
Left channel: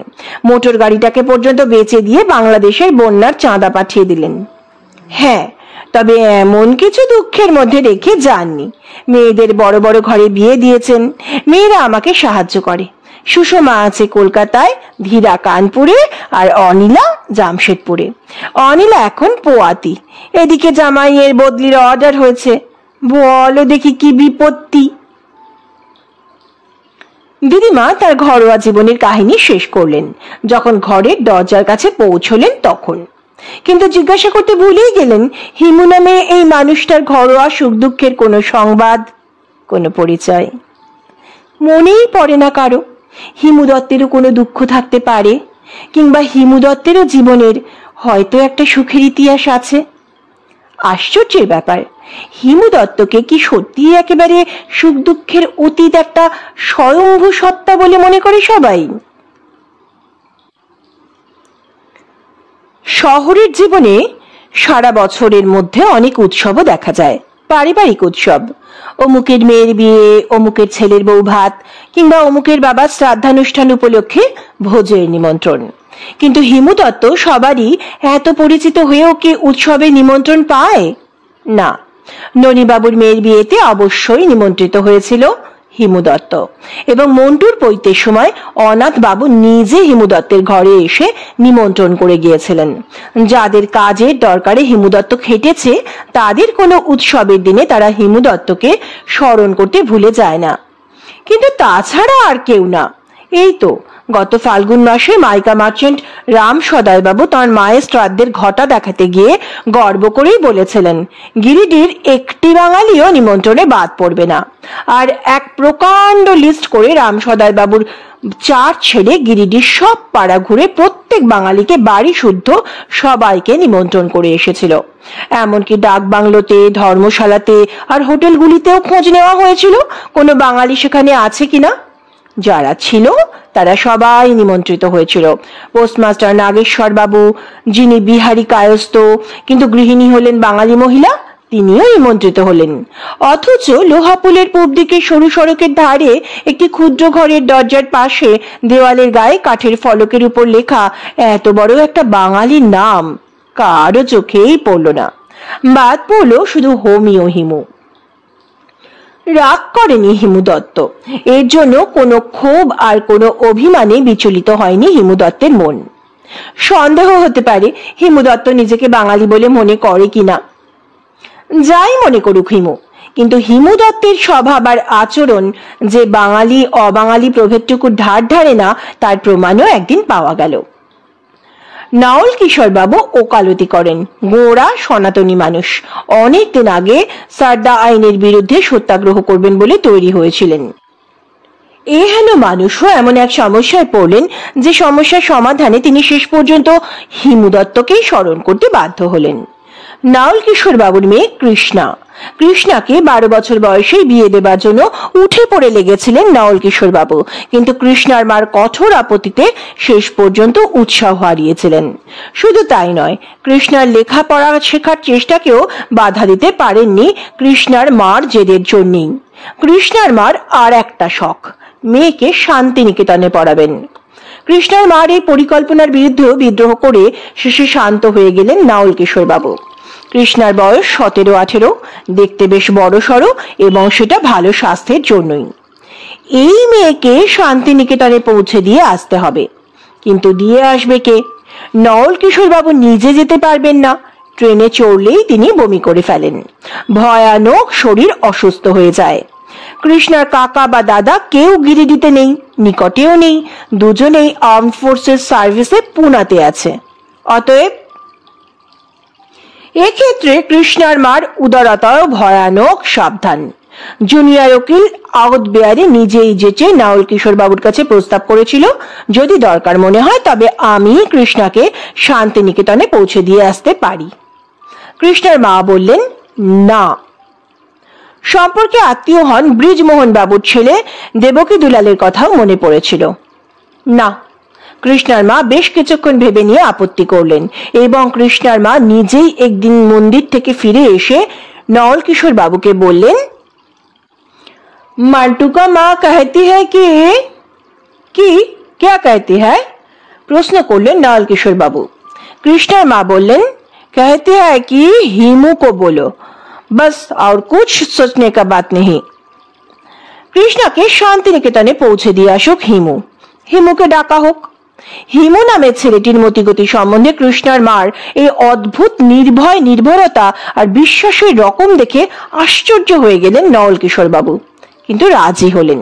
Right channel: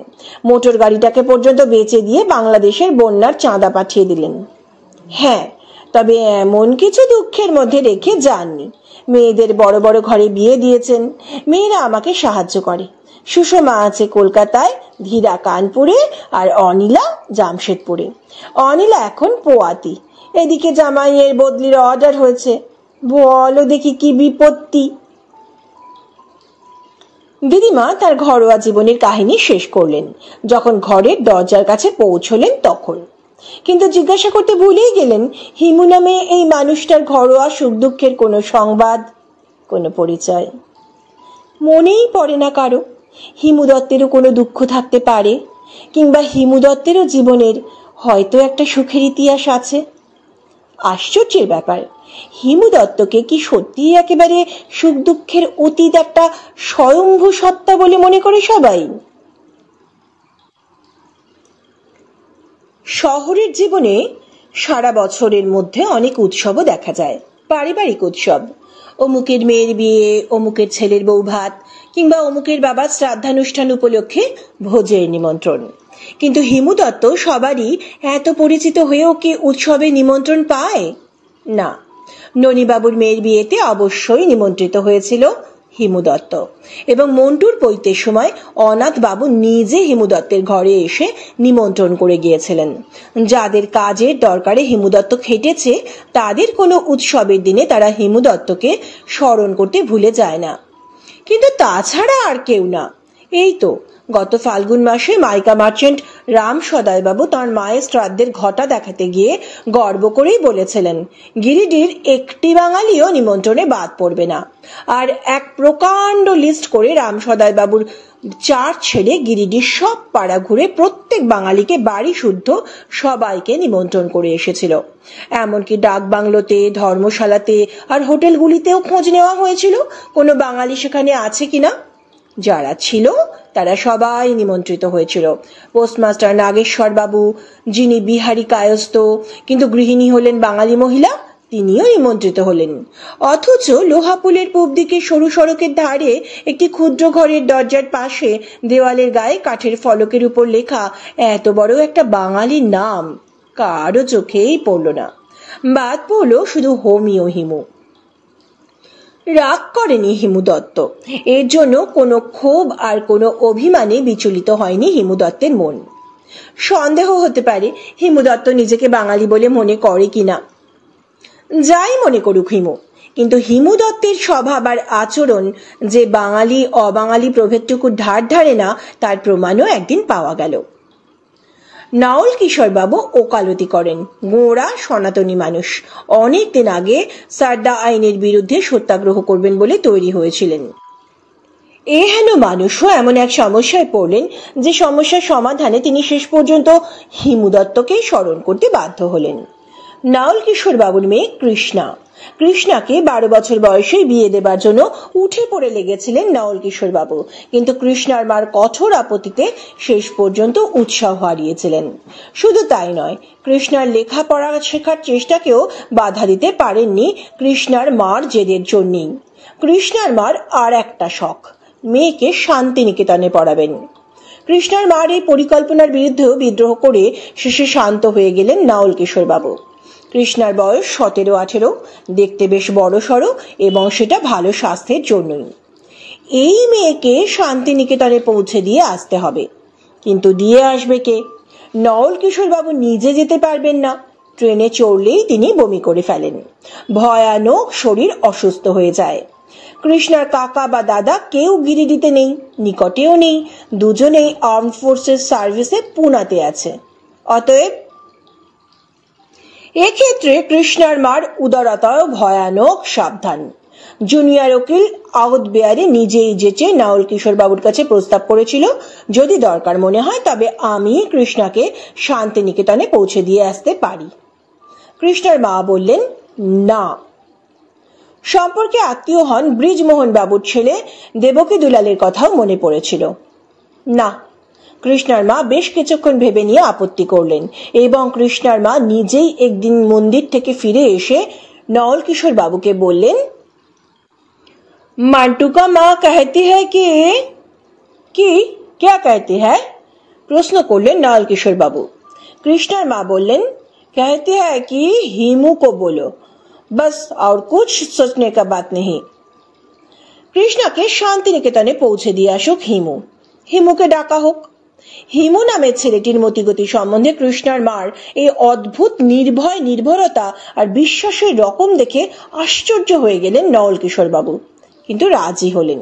মোটর গাড়িটাকে পর্যন্ত বেচে দিয়ে বাংলাদেশের বন্যার চাঁদা পাঠিয়ে দিলেন। হ্যাঁ, তবে এমন কিছু দুঃখের মধ্যে রেখে যাননি। মেয়েদের বড় বড় ঘরে বিয়ে দিয়েছেন। মেয়েরা আমাকে সাহায্য করে। সুষমা আছে কলকাতায়, ধীরা কানপুরে, আর অনিলা জামশেদপুরে। অনিলা এখন পোয়াতি। এদিকে জামাইয়ের বদলির অর্ডার হয়েছে। বলো দেখি কি বিপত্তি। দিদিমা তার ঘরোয়া জীবনের কাহিনী শেষ করলেন। যখন ঘরের দরজার কাছে পৌঁছলেন তখন কিন্তু জিজ্ঞাসা করতে ভুলেই গেলেন হিমু নামে এই মানুষটার ঘরোয়া সুখ দুঃখের কোনো সংবাদ, কোনো পরিচয়। মনেই পড়ে না কারো হিমু দত্তেরও কোনো দুঃখ থাকতে পারে, কিংবা হিমু দত্তেরও জীবনের হয়তো একটা সুখের ইতিহাস আছে। আশ্চর্যের ব্যাপার, হিমু দত্তকে কি সত্যি একেবারে সুখ দুঃখের অতীত একটা স্বয়ম্ভু সত্তা বলে মনে করে সবাই? শহরের জীবনে সারা বছরের মধ্যে অনেক উৎসবও দেখা যায়। পারিবারিক উৎসব, অমুকের মেয়ের বিয়ে, অমুকের ছেলের বউ ভাত, কিংবা অমুকের বাবার শ্রাদ্ধানুষ্ঠান উপলক্ষে ভোজের নিমন্ত্রণ। কিন্তু হিমু দত্ত সবারই এত পরিচিত হয়েও কি উৎসবে নিমন্ত্রণ পায়? না। ননীবাবুর মেয়ের বিয়েতে অবশ্যই নিমন্ত্রিত হয়েছিল হিমু দত্ত, এবং মন্টুর পৈতের সময় অনাথ বাবু নিজে হিমু দত্তের ঘরে এসে নিমন্ত্রণ করে গিয়েছিলেন। যাদের কাজের দরকারে হিমু দত্ত খেটেছে, তাদের কোনো উৎসবের দিনে তারা হিমু দত্তকে স্মরণ করতে ভুলে যায় না। কিন্তু তাছাড়া আর কেউ না। এই তো গত ফাল্গুন মাসে মাইকা মার্চেন্ট রাম সদয় বাবু তাঁর মায়ের শ্রাদ্ধের ঘটা দেখাতে গিয়ে গর্ব করেই বলেছিলেন, গিরিডির একটি বাঙালিও নিমন্ত্রণে বাদ পড়বে না। আর এক প্রকাণ্ড লিস্ট করে রাম সদয় বাবুর 4 ছেলে গিরিডির সব পাড়া ঘুরে প্রত্যেক প্রত্যেক বাঙালিকে বাড়ি শুদ্ধ সবাইকে নিমন্ত্রণ করে এসেছিল। এমনকি ডাক বাংলোতে, ধর্মশালাতে আর হোটেলগুলিতেও খোঁজ নেওয়া হয়েছিল কোনো বাঙালি সেখানে আছে কিনা। যারা ছিল তারা সবাই নিমন্ত্রিত হয়েছিল। পোস্টমাস্টার নাগেশ্বর বাবু, যিনি বিহারি কায়স্থ কিন্তু গৃহিণী হলেন বাঙালি মহিলা, তিনিও নিমন্ত্রিত হলেন। অথচ লোহাপুলের পূব দিকে সরু সড়কের ধারে একটি ক্ষুদ্র ঘরের দরজার পাশে দেওয়ালের গায়ে কাঠের ফলকের উপর লেখা এত বড় একটা বাঙালির নাম কারো চোখেই পড়ল না। বাদ পড়ল শুধু হোমিও হিমু। রাগ করেনি হিমু দত্ত, এর জন্য কোনো ক্ষোভ আর কোনো অভিমানে বিচলিত হয়নি হিমু দত্তের মন। সন্দেহ হতে পারে হিমু দত্ত নিজেকে বাঙালি বলে মনে করে কিনা, যাই মনে করুক হিমু, কিন্তু হিমু দত্তের স্বভাব আর আচরণ যে বাঙালি অবাঙালি প্রভেদটুকু ধার ধারে না তার প্রমাণও একদিন পাওয়া গেল। নাওল কিশোর বাবু ওকালতি করেন, গোঁড়া সনাতনী মানুষ। অনেকদিন আগে সারদা আইনের বিরুদ্ধে সত্যাগ্রহ করবেন বলে তৈরি হয়েছিলেন। এহেন মানুষও এমন এক সমস্যায় পড়লেন যে সমস্যার সমাধানে তিনি শেষ পর্যন্ত হিমু দত্তকেই স্মরণ করতে বাধ্য হলেন। নাওল কিশোর বাবুর মেয়ে কৃষ্ণা, কৃষ্ণাকে 12 বছর বয়সে বিয়ে দেবার জন্য উঠে পড়ে লেগেছিলেন নাওল কিশোর বাবু, কিন্তু কৃষ্ণার মার কঠোর আপত্তিতে শেষ পর্যন্ত উৎসাহ হারিয়েছিলেন। শুধু তাই নয়, কৃষ্ণার লেখাপড়া শেখার চেষ্টাকেও বাধা দিতে পারেননি কৃষ্ণার মার জেদের জন্যই। কৃষ্ণার মার আর একটা শখ, মেয়েকে শান্তিনিকেতনে পড়াবেন। কৃষ্ণার মার এই পরিকল্পনার বিরুদ্ধেও বিদ্রোহ করে শেষে শান্ত হয়ে গেলেন নাওল কিশোর বাবু। কৃষ্ণার বয়স 17-18, দেখতে বেশ বড় সড়ো, এবং সেটা ভালো স্বাস্থ্যের জন্যই। এই মেয়েকে শান্তিনিকেতনে পৌঁছে দিয়ে আসতে হবে, কিন্তু দিয়ে আসবে কে? নাওল কিশোর বাবু নিজে যেতে পারবেন না, ট্রেনে চড়লেই তিনি বমি করে ফেলেন, ভয়ানক শরীর অসুস্থ হয়ে যায়। কৃষ্ণার কাকা বা দাদা কেউ গিরিডিতে নেই, নিকটেও নেই, দুজনেই আর্মড ফোর্সেস সার্ভিসে পুনাতে আছে। অতএব এক্ষেত্রে কৃষ্ণার মার উদারতাও ভয়ানক সাবধান। জুনিয়র উকিল আউট বেয়ারে নিজেই যেচে নাওল কিশোর বাবুর কাছে প্রস্তাব করেছিল, যদি দরকার মনে হয় তবে আমি কৃষ্ণাকে শান্তিনিকেতনে পৌঁছে দিয়ে আসতে পারি। কৃষ্ণার মা বললেন না। সম্পর্কে আত্মীয় হন ব্রিজমোহন বাবুর ছেলে দেবকী দুলালের কথাও মনে পড়েছিল। না, কৃষ্ণার মা বেশ কিছুক্ষণ ভেবে নিয়ে আপত্তি করলেন, এবং কৃষ্ণার মা নিজেই একদিন মন্দির থেকে ফিরে এসে নাওল কিশোর বাবুকে বললেন, মান্টু কা মা कहती है कि क्या कहती है? প্রশ্ন করলেন নাওল কিশোর বাবু। কৃষ্ণার মা বললেন, कहती है कि हिमू को बोलो, बस और कुछ सोचने का बात नहीं। কৃষ্ণাকে শান্তিনিকেতনে পৌঁছে দিয়ে আসুক হিমু, হিমুকে ডাকা হোক। হিমু নামের ছেলেটির মতিগতি সম্বন্ধে কৃষ্ণার মার এই অদ্ভুত নির্ভয় নির্ভরতা আর বিশ্বাসের রকম দেখে আশ্চর্য হয়ে গেলেন নাওল কিশোর বাবু, কিন্তু রাজি হলেন।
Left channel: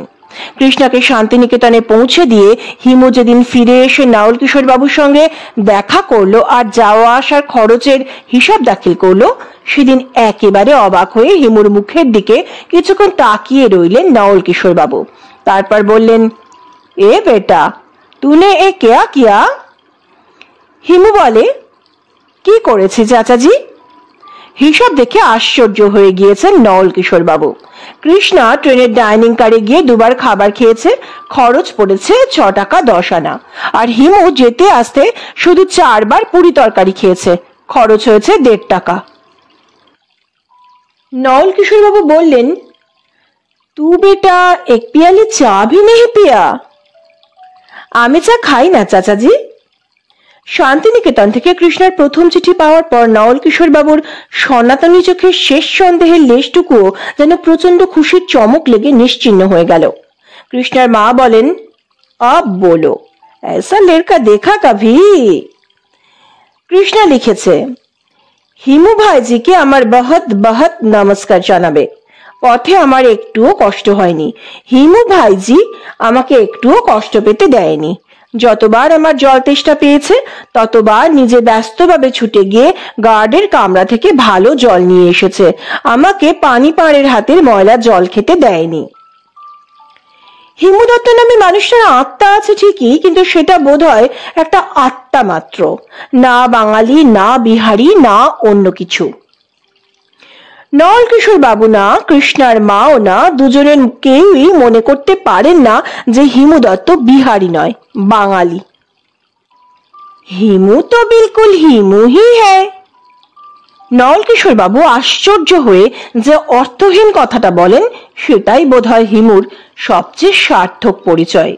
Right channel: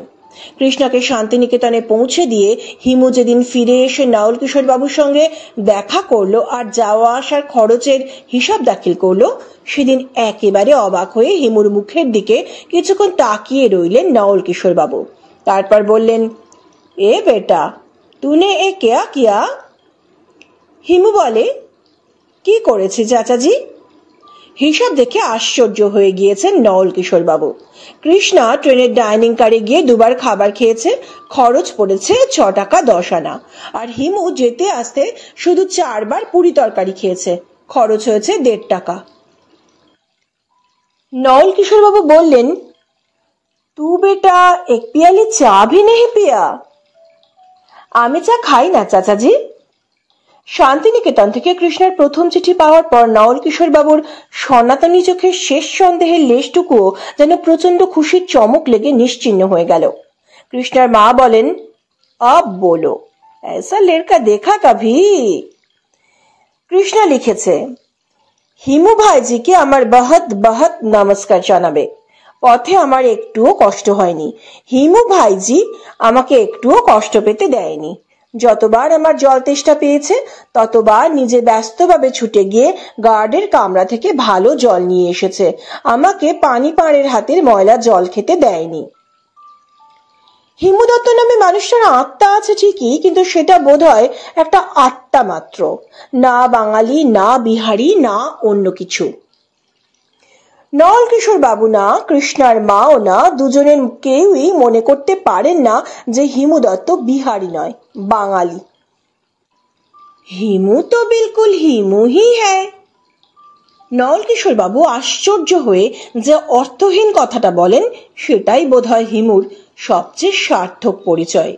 কৃষ্ণাকে শান্তিনিকেতনে পৌঁছে দিয়ে হিমু যেদিন ফিরে এসে নাওল কিশোর বাবুর সঙ্গে দেখা করলো আর যাওয়া আসার খরচের হিসাব দাখিল করলো, সেদিন একেবারে অবাক হয়ে হিমুর মুখের দিকে কিছুক্ষণ তাকিয়ে রইলেন নাওল কিশোর বাবু। তারপর বললেন, এ বেটা, तूने ए क्या किया? হিমু বলে, কি করেছি চাচাজি? হিসাব দেখে আশ্চর্য হয়ে গিয়েছেন নাওল কিশোর বাবু। কৃষ্ণা ট্রেনের ডাইনিং কারে গিয়ে দুবার খাবার খেয়েছে, খরচ পড়েছে 6 টাকা 10 আনা, আর হিমু যেতে আসতে শুধু 4 বার পুরি তরকারি খেয়েছে, খরচ হয়েছে 1.5 টাকা। नाउल किशोर बाबू बोलें, तू बेटा एक प्याली चा भी नहीं पिया? आमी चा खाई ना चाचाजी। शांतिनिकेतन থেকে কৃষ্ণার প্রথম চিঠি পাওয়ার পর নাওল কিশোর বাবুর সনাতনী চোখে শেষ সন্দেহের লেশটুকুও যেন প্রচন্ড খুশির চমক লেগে নিশ্চিহ্ন হয়ে গেল। কৃষ্ণার মা বলেন, अब बोलो, ऐसा लड़का देखा कभी? কৃষ্ণা লিখেছে, হিমু ভাইজিকে আমার বহুত বহুত নমস্কার জানাবে। পথে আমার একটুও কষ্ট হয়নি। হিমু ভাইজি আমাকে একটুও কষ্ট পেতে দেয়নি। যতবার আমার জল তেষ্টা পেয়েছে ততবার নিজে ব্যস্তভাবে ছুটে গিয়ে গার্ডের কামরা থেকে ভালো জল নিয়ে এসেছে। আমাকে পানি পাড়ের হাতের ময়লা জল খেতে দেয়নি। হিমু দত্ত নামে মানুষটার আত্মা আছে ঠিকই, কিন্তু সেটা বোধহয় একটা আত্মা মাত্র, না বাঙালি, না বিহারি, না অন্য কিছু। নল কিশোর বাবু না, কৃষ্ণার মাও না, দুজনের কেউই মনে করতে পারেন না যে হিমু দত্ত বিহারি নয়, বাঙালি। হিমু তো বিলকুল হিমু হি হ্যায়। নল কিশোর বাবু আশ্চর্য হয়ে যে অর্থহীন কথাটা বলেন, সেটাই বোধহয় হিমুর সবচেয়ে সার্থক পরিচয়।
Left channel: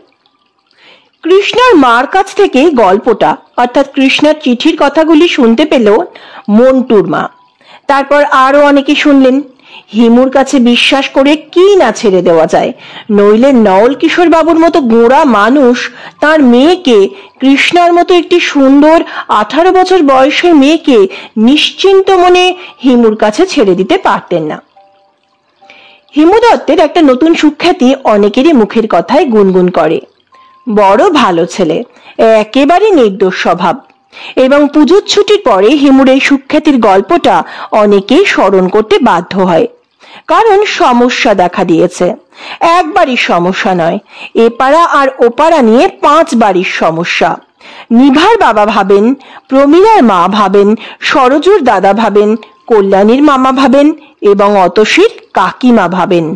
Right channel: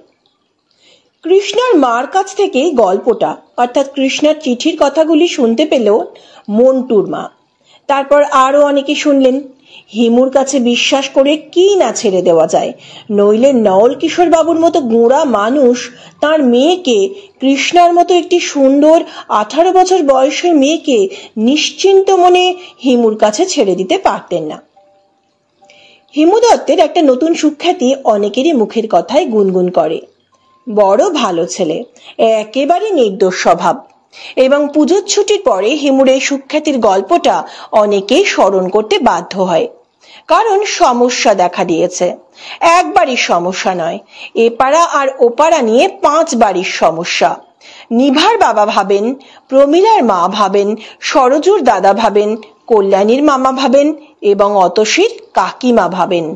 কৃষ্ণার মার কাছ থেকে গল্পটা অর্থাৎ কৃষ্ণার চিঠির কথাগুলি শুনতে পেল মন্টুর মা। তারপর আরো অনেকে শুনলেন। হিমুর কাছে বিশ্বাস করে কি না ছেড়ে দেওয়া যায়, নইলে নল কিশোর বাবুর মতো গোঁড়া মানুষ তার মেয়েকে, কৃষ্ণার মতো একটি সুন্দর 18 বছর বয়সের মেয়েকে নিশ্চিন্ত মনে হিমুর কাছে ছেড়ে দিতে পারতেন না। হিমু দত্তের একটা নতুন সুখ্যাতি অনেকেরই মুখের কথায় গুনগুন করে। বড় ভালো ছেলে, একেবারে নির্দোষ স্বভাব। এবং পুজোর ছুটির পরে হিমুর এই সুখ্যাতির গল্পটা অনেকেই স্মরণ করতে বাধ্য হয়, কারণ সমস্যা দেখা দিয়েছে। একবারই সমস্যা নয়, এপাড়া আর ওপাড়া নিয়ে 5 বাড়ির সমস্যা। নিভার বাবা ভাবেন, প্রমীলার মা ভাবেন, সরজুর দাদা ভাবেন, কল্যাণীর মামা ভাবেন এবং অতসীর কাকিমা ভাবেন।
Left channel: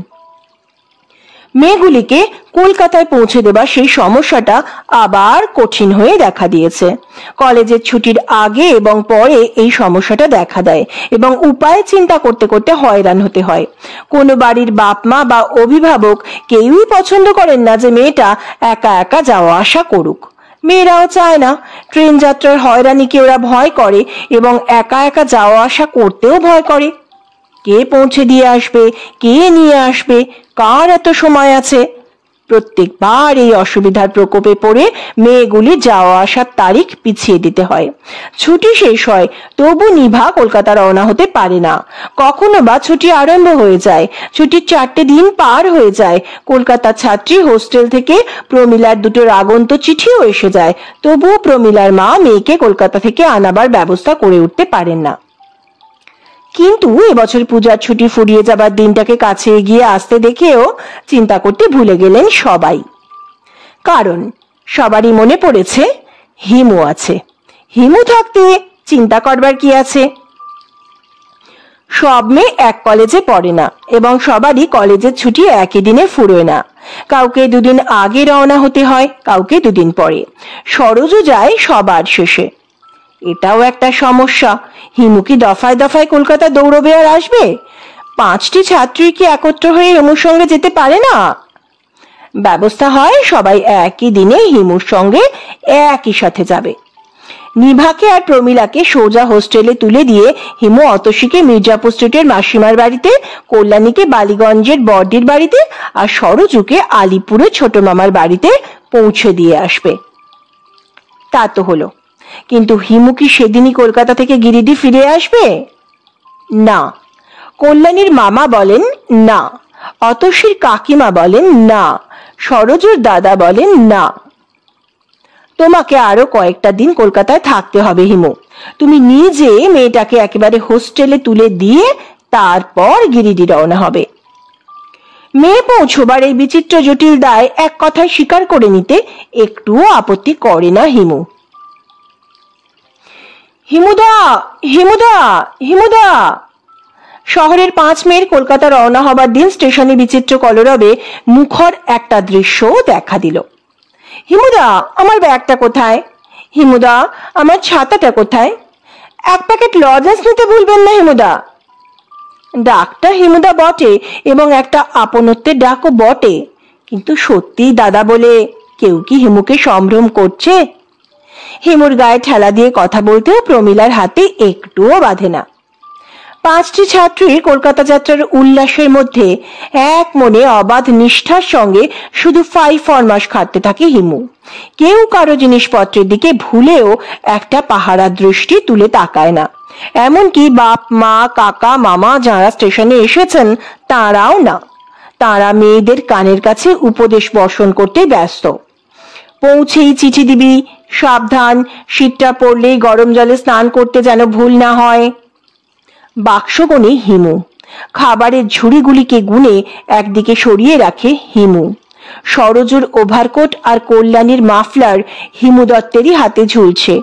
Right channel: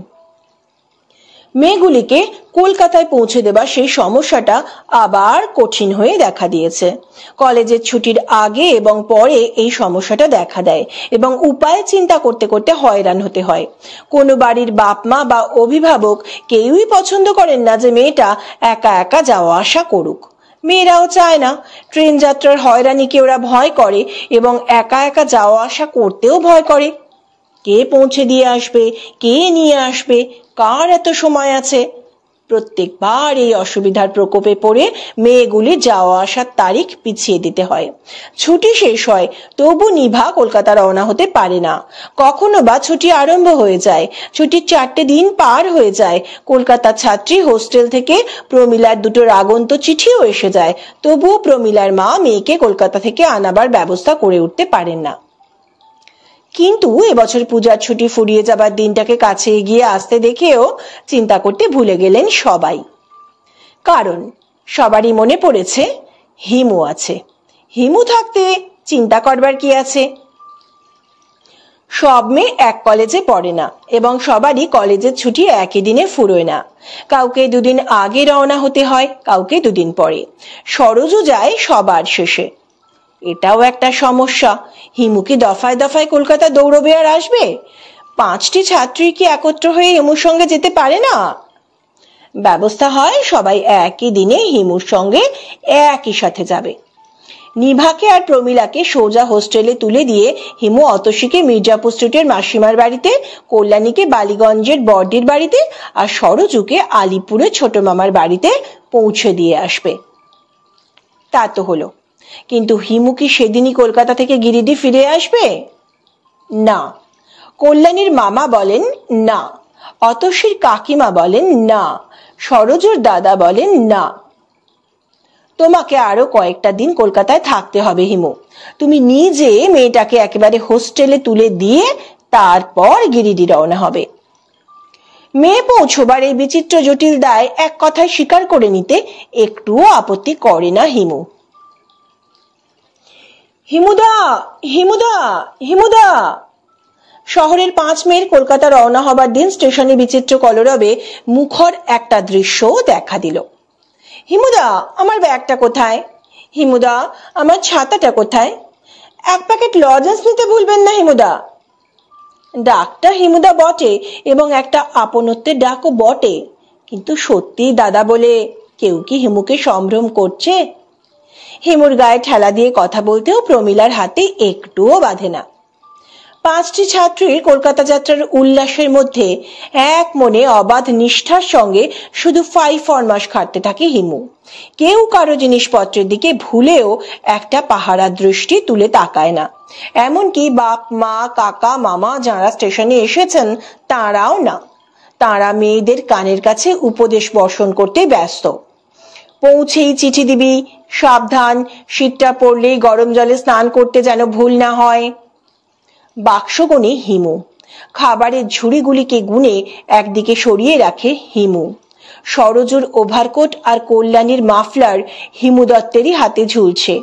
মেয়েগুলিকে কলকাতায় পৌঁছে দেবা সেই সমস্যাটা আবার কঠিন হয়ে দেখা দিয়েছে। কলেজের ছুটির আগে এবং পরে এই সমস্যাটা দেখা দেয় এবং উপায় চিন্তা করতে করতে হয়রান হতে হয়। কোনো বাড়ির বাপ মা বা অভিভাবক কেউই পছন্দ করেন না যে মেয়েটা একা একা যাওয়া আসা করুক। মেয়েরাও চায় না। ট্রেন যাত্রার হয়রানিকে ওরা ভয় করে এবং একা একা যাওয়া আসা করতেও ভয় করে। কে পৌঁছে দিয়ে আসবে, কে নিয়ে আসবে, কার এত সময় আছে? প্রত্যেকবার এই অসুবিধার প্রকোপে পড়ে মেয়েগুলি যাওয়া আসার তারিখ পিছিয়ে দিতে হয়। ছুটি শেষ হয়, তবু নিভা কলকাতা রওনা হতে পারে না। কখনো বা ছুটি আরম্ভ হয়ে যায়, ছুটির 4টে দিন পার হয়ে যায়, কলকাতার ছাত্রী হোস্টেল থেকে প্রমীলার দুটো আগন্ত চিঠিও এসে যায়, তবুও প্রমীলার মা মেয়েকে কলকাতা থেকে আনাবার ব্যবস্থা করে উঠতে পারেন না। কিন্তু এবছর পূজার ছুটি ফুরিয়ে যাবার দিনটাকে কাছে এগিয়ে আসতে দেখেও চিন্তা করতে ভুলে গেলেন সবাই। কারণ সবারই মনে পড়েছে হিমু আছে। হিমু থাকতে চিন্তা করবার কি আছে? সব মেয়ে এক কলেজে পড়ে না এবং সবারই কলেজের ছুটি একই দিনে ফুরোয় না। কাউকে 2 দিন আগে রওনা হতে হয়, কাউকে 2 দিন পরে। সরজু যায় সবার শেষে। এটাও একটা সমস্যা। হিমু কি দফায় দফায় কলকাতা দৌড়বে আর আসবে? 5টি ছাত্রী কি একত্র হয়ে হিমুর সঙ্গে যেতে পারে না? ব্যবস্থা হয় সবাই একই দিনে হিমুর সঙ্গে একই সাথে যাবে। নিভাকে আর প্রমীলাকে সোজা হোস্টেলে তুলে দিয়ে হিমু অতসীকে মির্জাপুর স্ট্রিটের মাসিমার বাড়িতে, কল্যাণীকে বালিগঞ্জের বড়দির বাড়িতে আর সরজুকে আলিপুরে ছোট মামার বাড়িতে পৌঁছে দিয়ে আসবে। তা তো হলো, কিন্তু হিমু কি সেদিনই কলকাতা থেকে গিরিডি ফিরে আসবে? না। কল্যাণীর মামা বলেন না, অতসীর কাকিমা বলেন না, সরজুর দাদা বলেন না। তোমাকে আরো কয়েকটা দিন কলকাতায় থাকতে হবে হিমু। তুমি নিজে মেয়েটাকে একেবারে হোস্টেলে তুলে দিয়ে তারপর গিরিডি রওনা হবে। মেয়ে পৌঁছবার এই বিচিত্র জটিল দায় এক কথায় স্বীকার করে নিতে একটুও আপত্তি করে না হিমু। হিমুদা, হিমুদা, হিমুদা। শহরের 5 মেয়ের কলকাতা রওনা হবার দিন স্টেশনে বিচিত্র কলরবে মুখর একটা দৃশ্য দেখা দিল। হিমুদা, আমার ব্যাগটা কোথায়? হিমুদা, আমার ছাতাটা কোথায়? 1 প্যাকেট লজেন্স নিতে ভুলবেন না হিমুদা। ডাকটা হিমুদা বটে এবং একটা আপনত্বের ডাকও বটে, কিন্তু সত্যি দাদা বলে কেউ কি হিমুকে সম্ভ্রম করছে? হিমুর গায়ে ঠেলা দিয়ে কথা বলতেও প্রমীলার হাতে একটুও বাঁধে না। 5টি ছাত্রীর কলকাতা যাত্রার উল্লাসের মধ্যে এক মনে অবাধ নিষ্ঠার সঙ্গে শুধু ফরমাস খাটতে থাকে হিমু। কেউ কারো জিনিসপত্রের দিকে ভুলেও একটা পাহারা দৃষ্টি তুলে তাকায় না। এমনকি বাপ মা কাকা মামা যারা স্টেশনে এসেছেন তারাও না। তারা মেয়েদের কানের কাছে উপদেশ বর্ষণ করতে ব্যস্ত। পৌঁছেই চিঠি দিবি, সাবধান, শীতটা পড়লেই গরম জলে স্নান করতে যেন ভুল না হয়। বাক্সগণে হিমু। খাবারের ঝুড়িগুলিকে গুনে একদিকে সরিয়ে রাখে হিমু। সরজুর ওভারকোট আর কল্যাণীর মাফলার হিমু দত্তেরই হাতে ঝুলছে।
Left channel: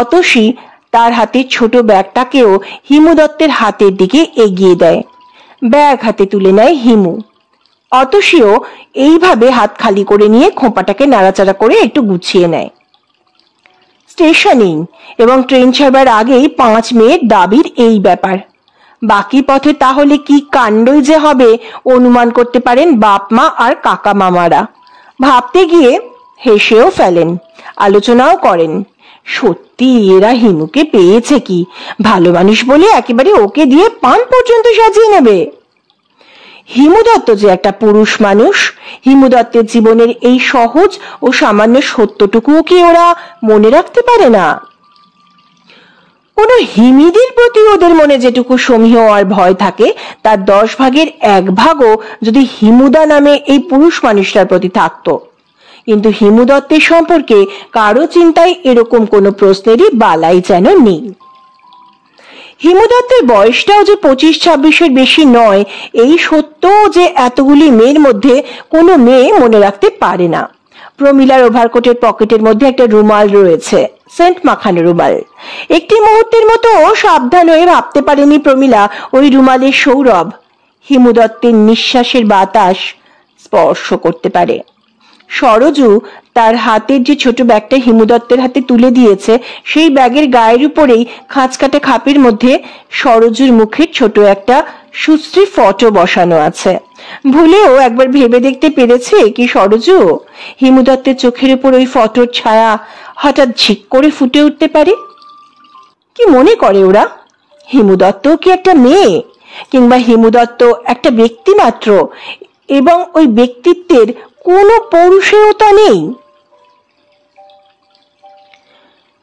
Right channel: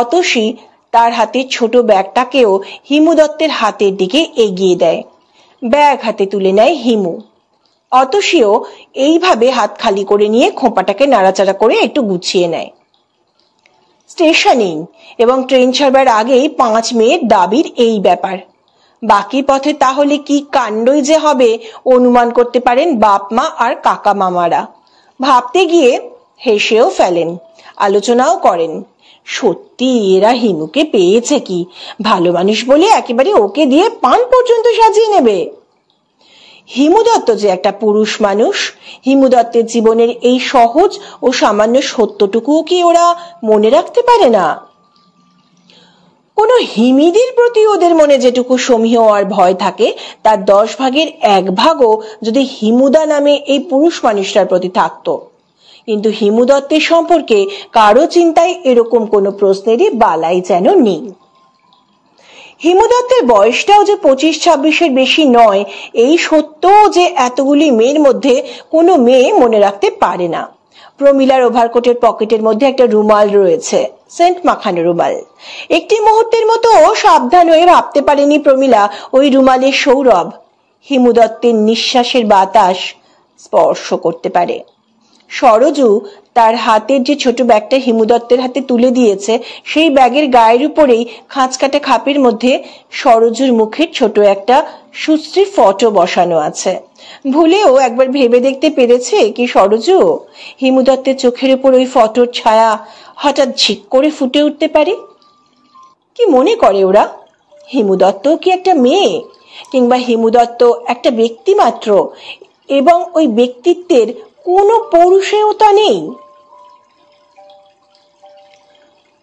অতসী তার হাতের ছোট ব্যাগটাকেও হিমু দত্তের হাতের দিকে এগিয়ে দেয়। ব্যাগ হাতে তুলে নেয় হিমু। অতসীও এইভাবে হাত খালি করে নিয়ে খোঁপাটাকে নাড়াচাড়া করে একটু গুছিয়ে নেয়। স্টেশনেই এবং ট্রেন ছাড়বার আগেই 5 মেয়ের দাবির এই ব্যাপার। বাকি পথে তাহলে কি কাণ্ডই যে হবে অনুমান করতে পারেন বাপ মা আর কাকা মামারা। ভাবতে গিয়ে হেসেও ফেলেন, আলোচনাও করেন। সত্যি এরা হিমুকে পেয়েছে কি, ভালো মানুষ বলে একেবারে ওকে দিয়ে পান পর্যন্ত সাজিয়ে নেবে। হিমু দত্ত যে একটা পুরুষ মানুষ, হিমু দত্তের জীবনের এই সহজ ও সামান্য সত্যটুকুও কি ওরা মনে রাখতে পারে না? কোন হিমিদির প্রতি ওদের মনে যেটুকু সমীহ আর ভয় থাকে তার 10 ভাগের 1 ভাগও যদি হিমুদা নামে এই পুরুষ মানুষটার প্রতি থাকতো। কিন্তু হিমু দত্তের সম্পর্কে কারো চিন্তায় এরকম কোনো প্রশ্নেরই বালাই যেন নেই। হিমু দত্তের বয়সটাও যে 25-26-এর বেশি নয় এই সত্য যে এতগুলি মেয়ের মধ্যে কোনো মেয়ে মনে রাখতে পারে না। প্রমিলার ওভারকোটের পকেটের মধ্যে একটা রুমাল রয়েছে, সেন্ট মাখানো রুমাল। একটি মুহূর্তের মতো সাবধান হয়ে ভাবতে পারেনি প্রমিলা ওই রুমালের সৌরভ হিমু দত্তের নিঃশ্বাসের বাতাস স্পর্শ করতে পারে। সরজু তার হাতের যে ছোট ব্যাগটা হিমু দত্তের হাতে তুলে দিয়েছে সেই ব্যাগের গায়ের উপরেই খাঁচকাটা খাপের মধ্যে সরজুর মুখের ছোট একটা সুশ্রী ফটো বসানো আছে। ভুলেও একবার ভেবে দেখতে পেরেছে কি সরজু হিমু দত্তের চোখের উপর ওই ফটোর ছায়া হঠাৎ ঝিক করে ফুটে উঠতে পারে? কি মনে করে ওরা? হিমু দত্ত কি একটা মেয়ে, কিংবা হিমু দত্ত একটা ব্যক্তি মাত্র এবং ওই ব্যক্তিত্বের কোনো পৌরুষেয়তা নেই?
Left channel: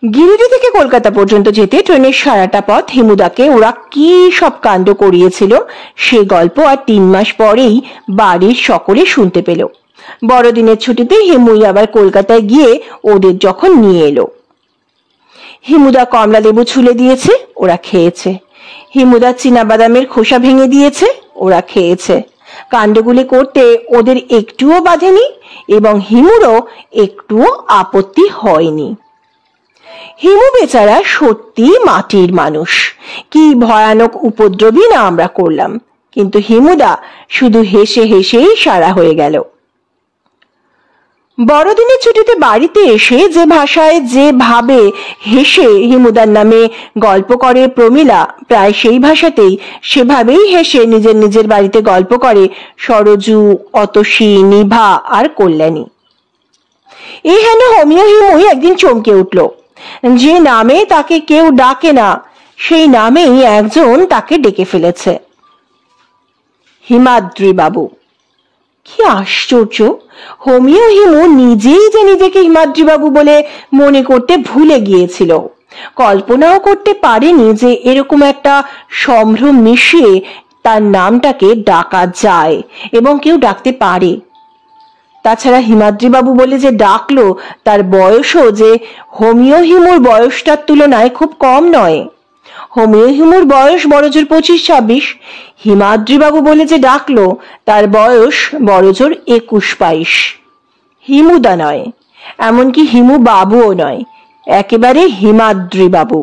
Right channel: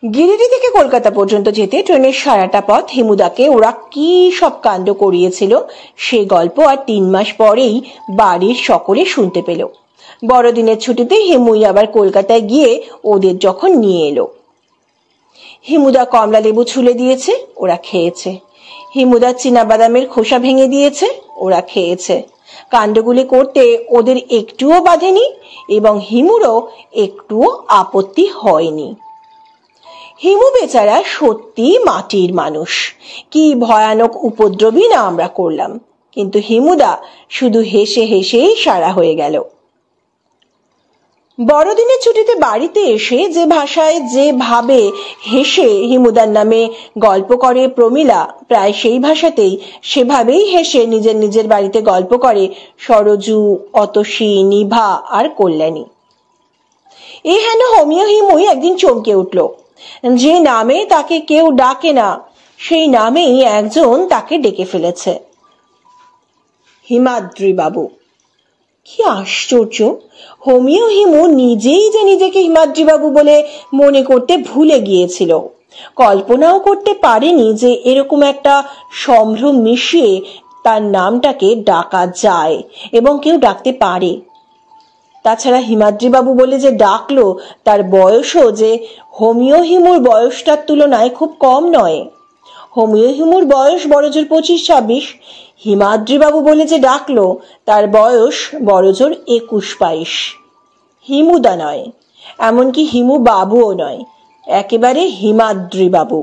গিরিডি থেকে কলকাতা পর্যন্ত যেতে ট্রেনের সারাটা পথ হিমুদাকে ওরা কি সব কাণ্ড করিয়েছিল সে গল্প আর 3 মাস পরেই বাড়ির সকলে শুনতে পেল। বড়দিনের ছুটিতে হিমুই আবার কলকাতায় গিয়ে ওদের যখন নিয়ে এলো। হিমুদা কমলা লেবু ছুলে দিয়েছে, ওরা খেয়েছে। হিমুদা চীনা বাদামের খোসা ভেঙে দিয়েছে, ওরা খেয়েছে। কাণ্ডগুলি করতে ওদের একটুও বাধেনি এবং হিমুরও একটুও আপত্তি হয়নি। হিমু বেচারা সত্যি মাটির মানুষ। কি ভয়ানক উপদ্রবী না আমরা করলাম, কিন্তু হিমুদা শুধু হেসে হেসেই সারা হয়ে গেল। বড়দিনের ছুটিতে বাড়িতে এসে যে ভাষায় যে ভাবে হেসে হিমুদার নামে গল্প করে প্রমিলা, প্রায় সেই ভাষাতেই সেভাবেই হেসে নিজের নিজের বাড়িতে গল্প করে সরজু, অতসী, নিভা আর কল্যাণী। এই হেন হোমিও হিমুই একদিন চমকে উঠল। যে নামে তাকে কেউ ডাকে না সেই নামেই একজন তাকে ডেকে ফেলেছে, হিমাদ্রি বাবু। কি আশ্চর্য! হোমিও হিমু নিজেই যে নিজেকে হিমাদ্রি বাবু বলে মনে করতে ভুলে গিয়েছিল। কল্পনাও করতে পারেনি যে এরকম একটা সম্ভ্রম মিশিয়ে তার নামটাকে ডাকা যায় এবং কেউ ডাকতে পারে। তাছাড়া হিমাদ্রি বাবু বলে যে ডাকলো তার বয়সও যে হোমিও হিমুর বয়সটার তুলনায় খুব কম নয়। হোমিও হিমুর বয়স বড়জোর 25-26, হিমাদ্রি বাবু বলে যে ডাকলো তার বয়স বড়জোর 21-22। হিমুদা নয়, এমনকি হিমু বাবুও নয়, একেবারে হিমাদ্রি বাবু।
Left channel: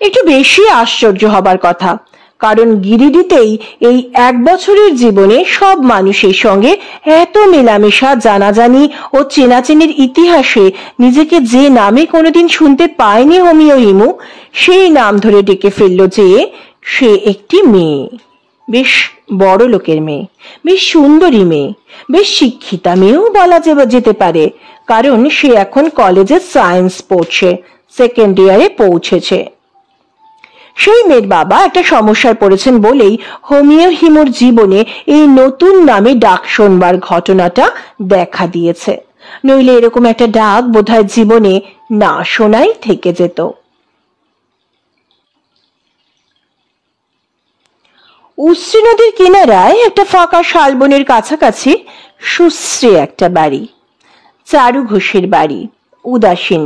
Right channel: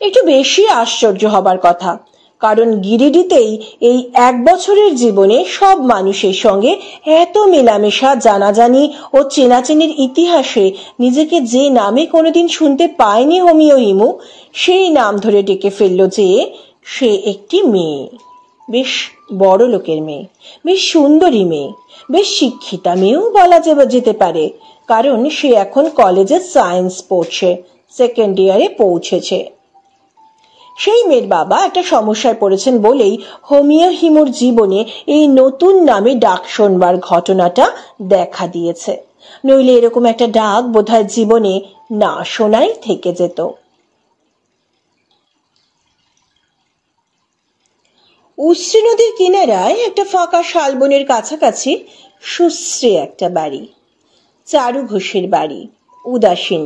একটু বেশি আশ্চর্য হবার কথা, কারণ গিরিডিতেই এই 1 বছরের জীবনে সব মানুষের সঙ্গে এত মেলামেশা, জানাজানি ও চেনাচেনির ইতিহাসে নিজেকে যে নামে কোনোদিন শুনতে পায়নি হোমিও হিমু, সেই নাম ধরে ডেকে ফেলল যে সে একটি মেয়ে, বেশ বড় লোকের মেয়ে, বেশ সুন্দরী মেয়ে, বেশ শিক্ষিতা মেয়েও বলা যেতে পারে, কারণ সে এখন কলেজে সায়েন্স পড়ছে, 2nd ইয়ারে পৌঁছেছে। সেই মেয়ের বাবা একটা সমস্যায় পড়েছেন বলেই হোমিও হিমুর জীবনে এই নতুন নামে ডাক শোনবার ঘটনাটা দেখা দিয়েছে, নইলে এরকম একটা ডাক বোধহয় জীবনে না শোনাই থেকে যেত। উশ্রী নদীর কিনারায় একটা ফাঁকা শালবনের কাছাকাছি সুশ্রী একটা বাড়ি, চারু ঘোষের বাড়ি, উদাসীন।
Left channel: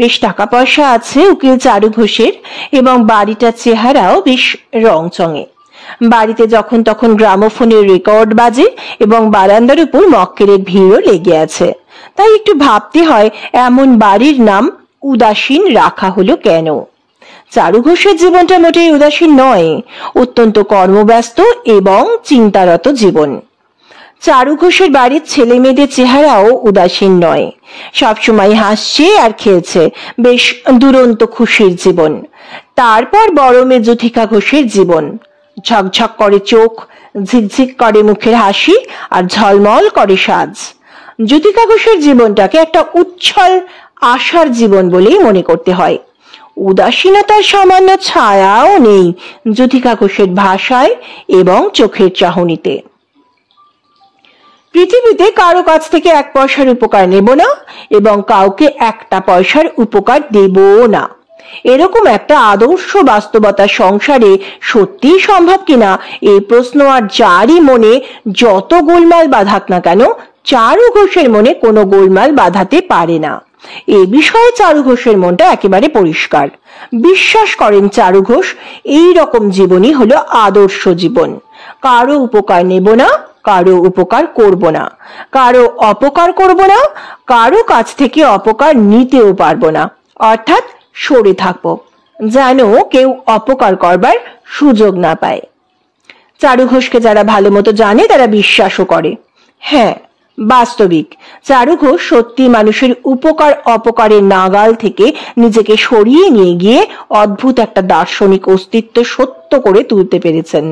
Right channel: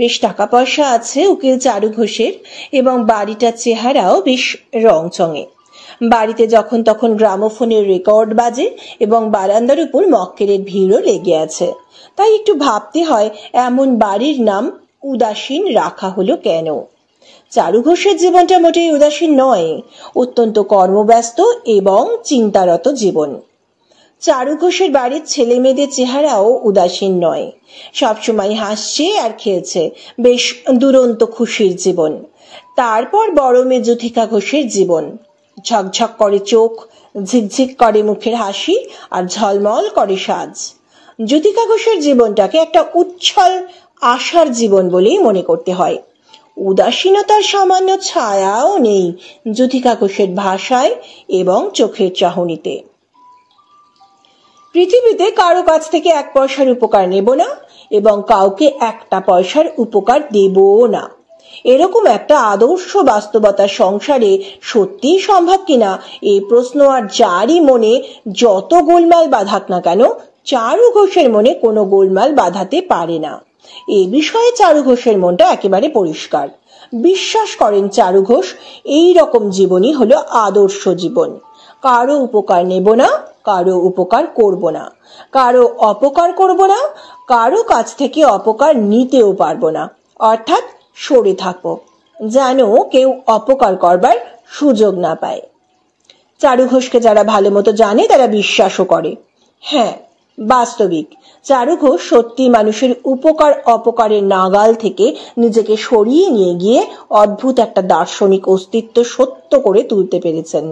বেশ টাকা পয়সা আছে উকিল চারু ঘোষের এবং বাড়িটার চেহারাও বেশ রংচঙে। বাড়িতে যখন তখন গ্রামোফোনের রেকর্ড বাজে এবং বারান্দার উপর মক্কেলের ভিড়ও লেগে আছে। তাই একটু ভাবতে হয় এমন বাড়ির নাম উদাসীন রাখা হলো কেন। চারু ঘোষের জীবনটা মোটেই উদাসীন নয়, অত্যন্ত কর্মব্যস্ত এবং চিন্তারত জীবন। চারু ঘোষের বাড়ির ছেলে মেয়েদের চেহারাও উদাসীন নয়, সবসময় হাসছে আর খেলছে, বেশ দুরন্ত খুশির জীবন। তারপর বড় মেয়ে জ্যোতিকা ঘোষের জীবন, ঝকঝক করে চোখ, ঝিকঝিক করে মুখের হাসি আর ঝলমল করে সাজ। জ্যোতিকা ঘোষের জীবনটাকে একটা উচ্ছল আশার জীবন বলেই মনে করতে হয়। উদাসীনতার সামান্য ছায়াও নেই জ্যোতিকা ঘোষের ভাষায় এবং চোখের চাহনিতে। পৃথিবীতে কারো কাছ থেকে 1 পয়সার উপকার নেব না এবং কাউকে 1টা পয়সার উপকার দেবও না, এরকম একটা আদর্শ বাস্তবতা সংসারে সত্যিই সম্ভব কিনা এই প্রশ্ন আর যারই মনে যত গোলমাল বাঁধাক না কেন, চারু ঘোষের মনে কোনো গোলমাল বাঁধাতে পারে না। এ বিষয়ে চারু ঘোষের মনটা একেবারে পরিষ্কার। বিশ্বাস করেন চারু ঘোষ, এই রকম জীবনই হলো আদর্শ জীবন। কারো উপকার নেব না, কারো উপকার করব না, কারো অপকার করব না, কারো কাছ থেকে অপকার নিতেও পারবো না, অর্থাৎ সরে থাকবো, যেন কেউ অপকার করবার সুযোগ না পায়। চারু ঘোষকে যারা ভালো মতো জানে তারা বিশ্বাসও করে। হ্যাঁ, বাস্তবিক চারু ঘোষ সত্যি মানুষের উপকার অপকারের নাগাল থেকে নিজেকে সরিয়ে নিয়ে গিয়ে অদ্ভুত একটা দার্শনিক অস্তিত্ব সত্য করে তুলতে পেরেছেন।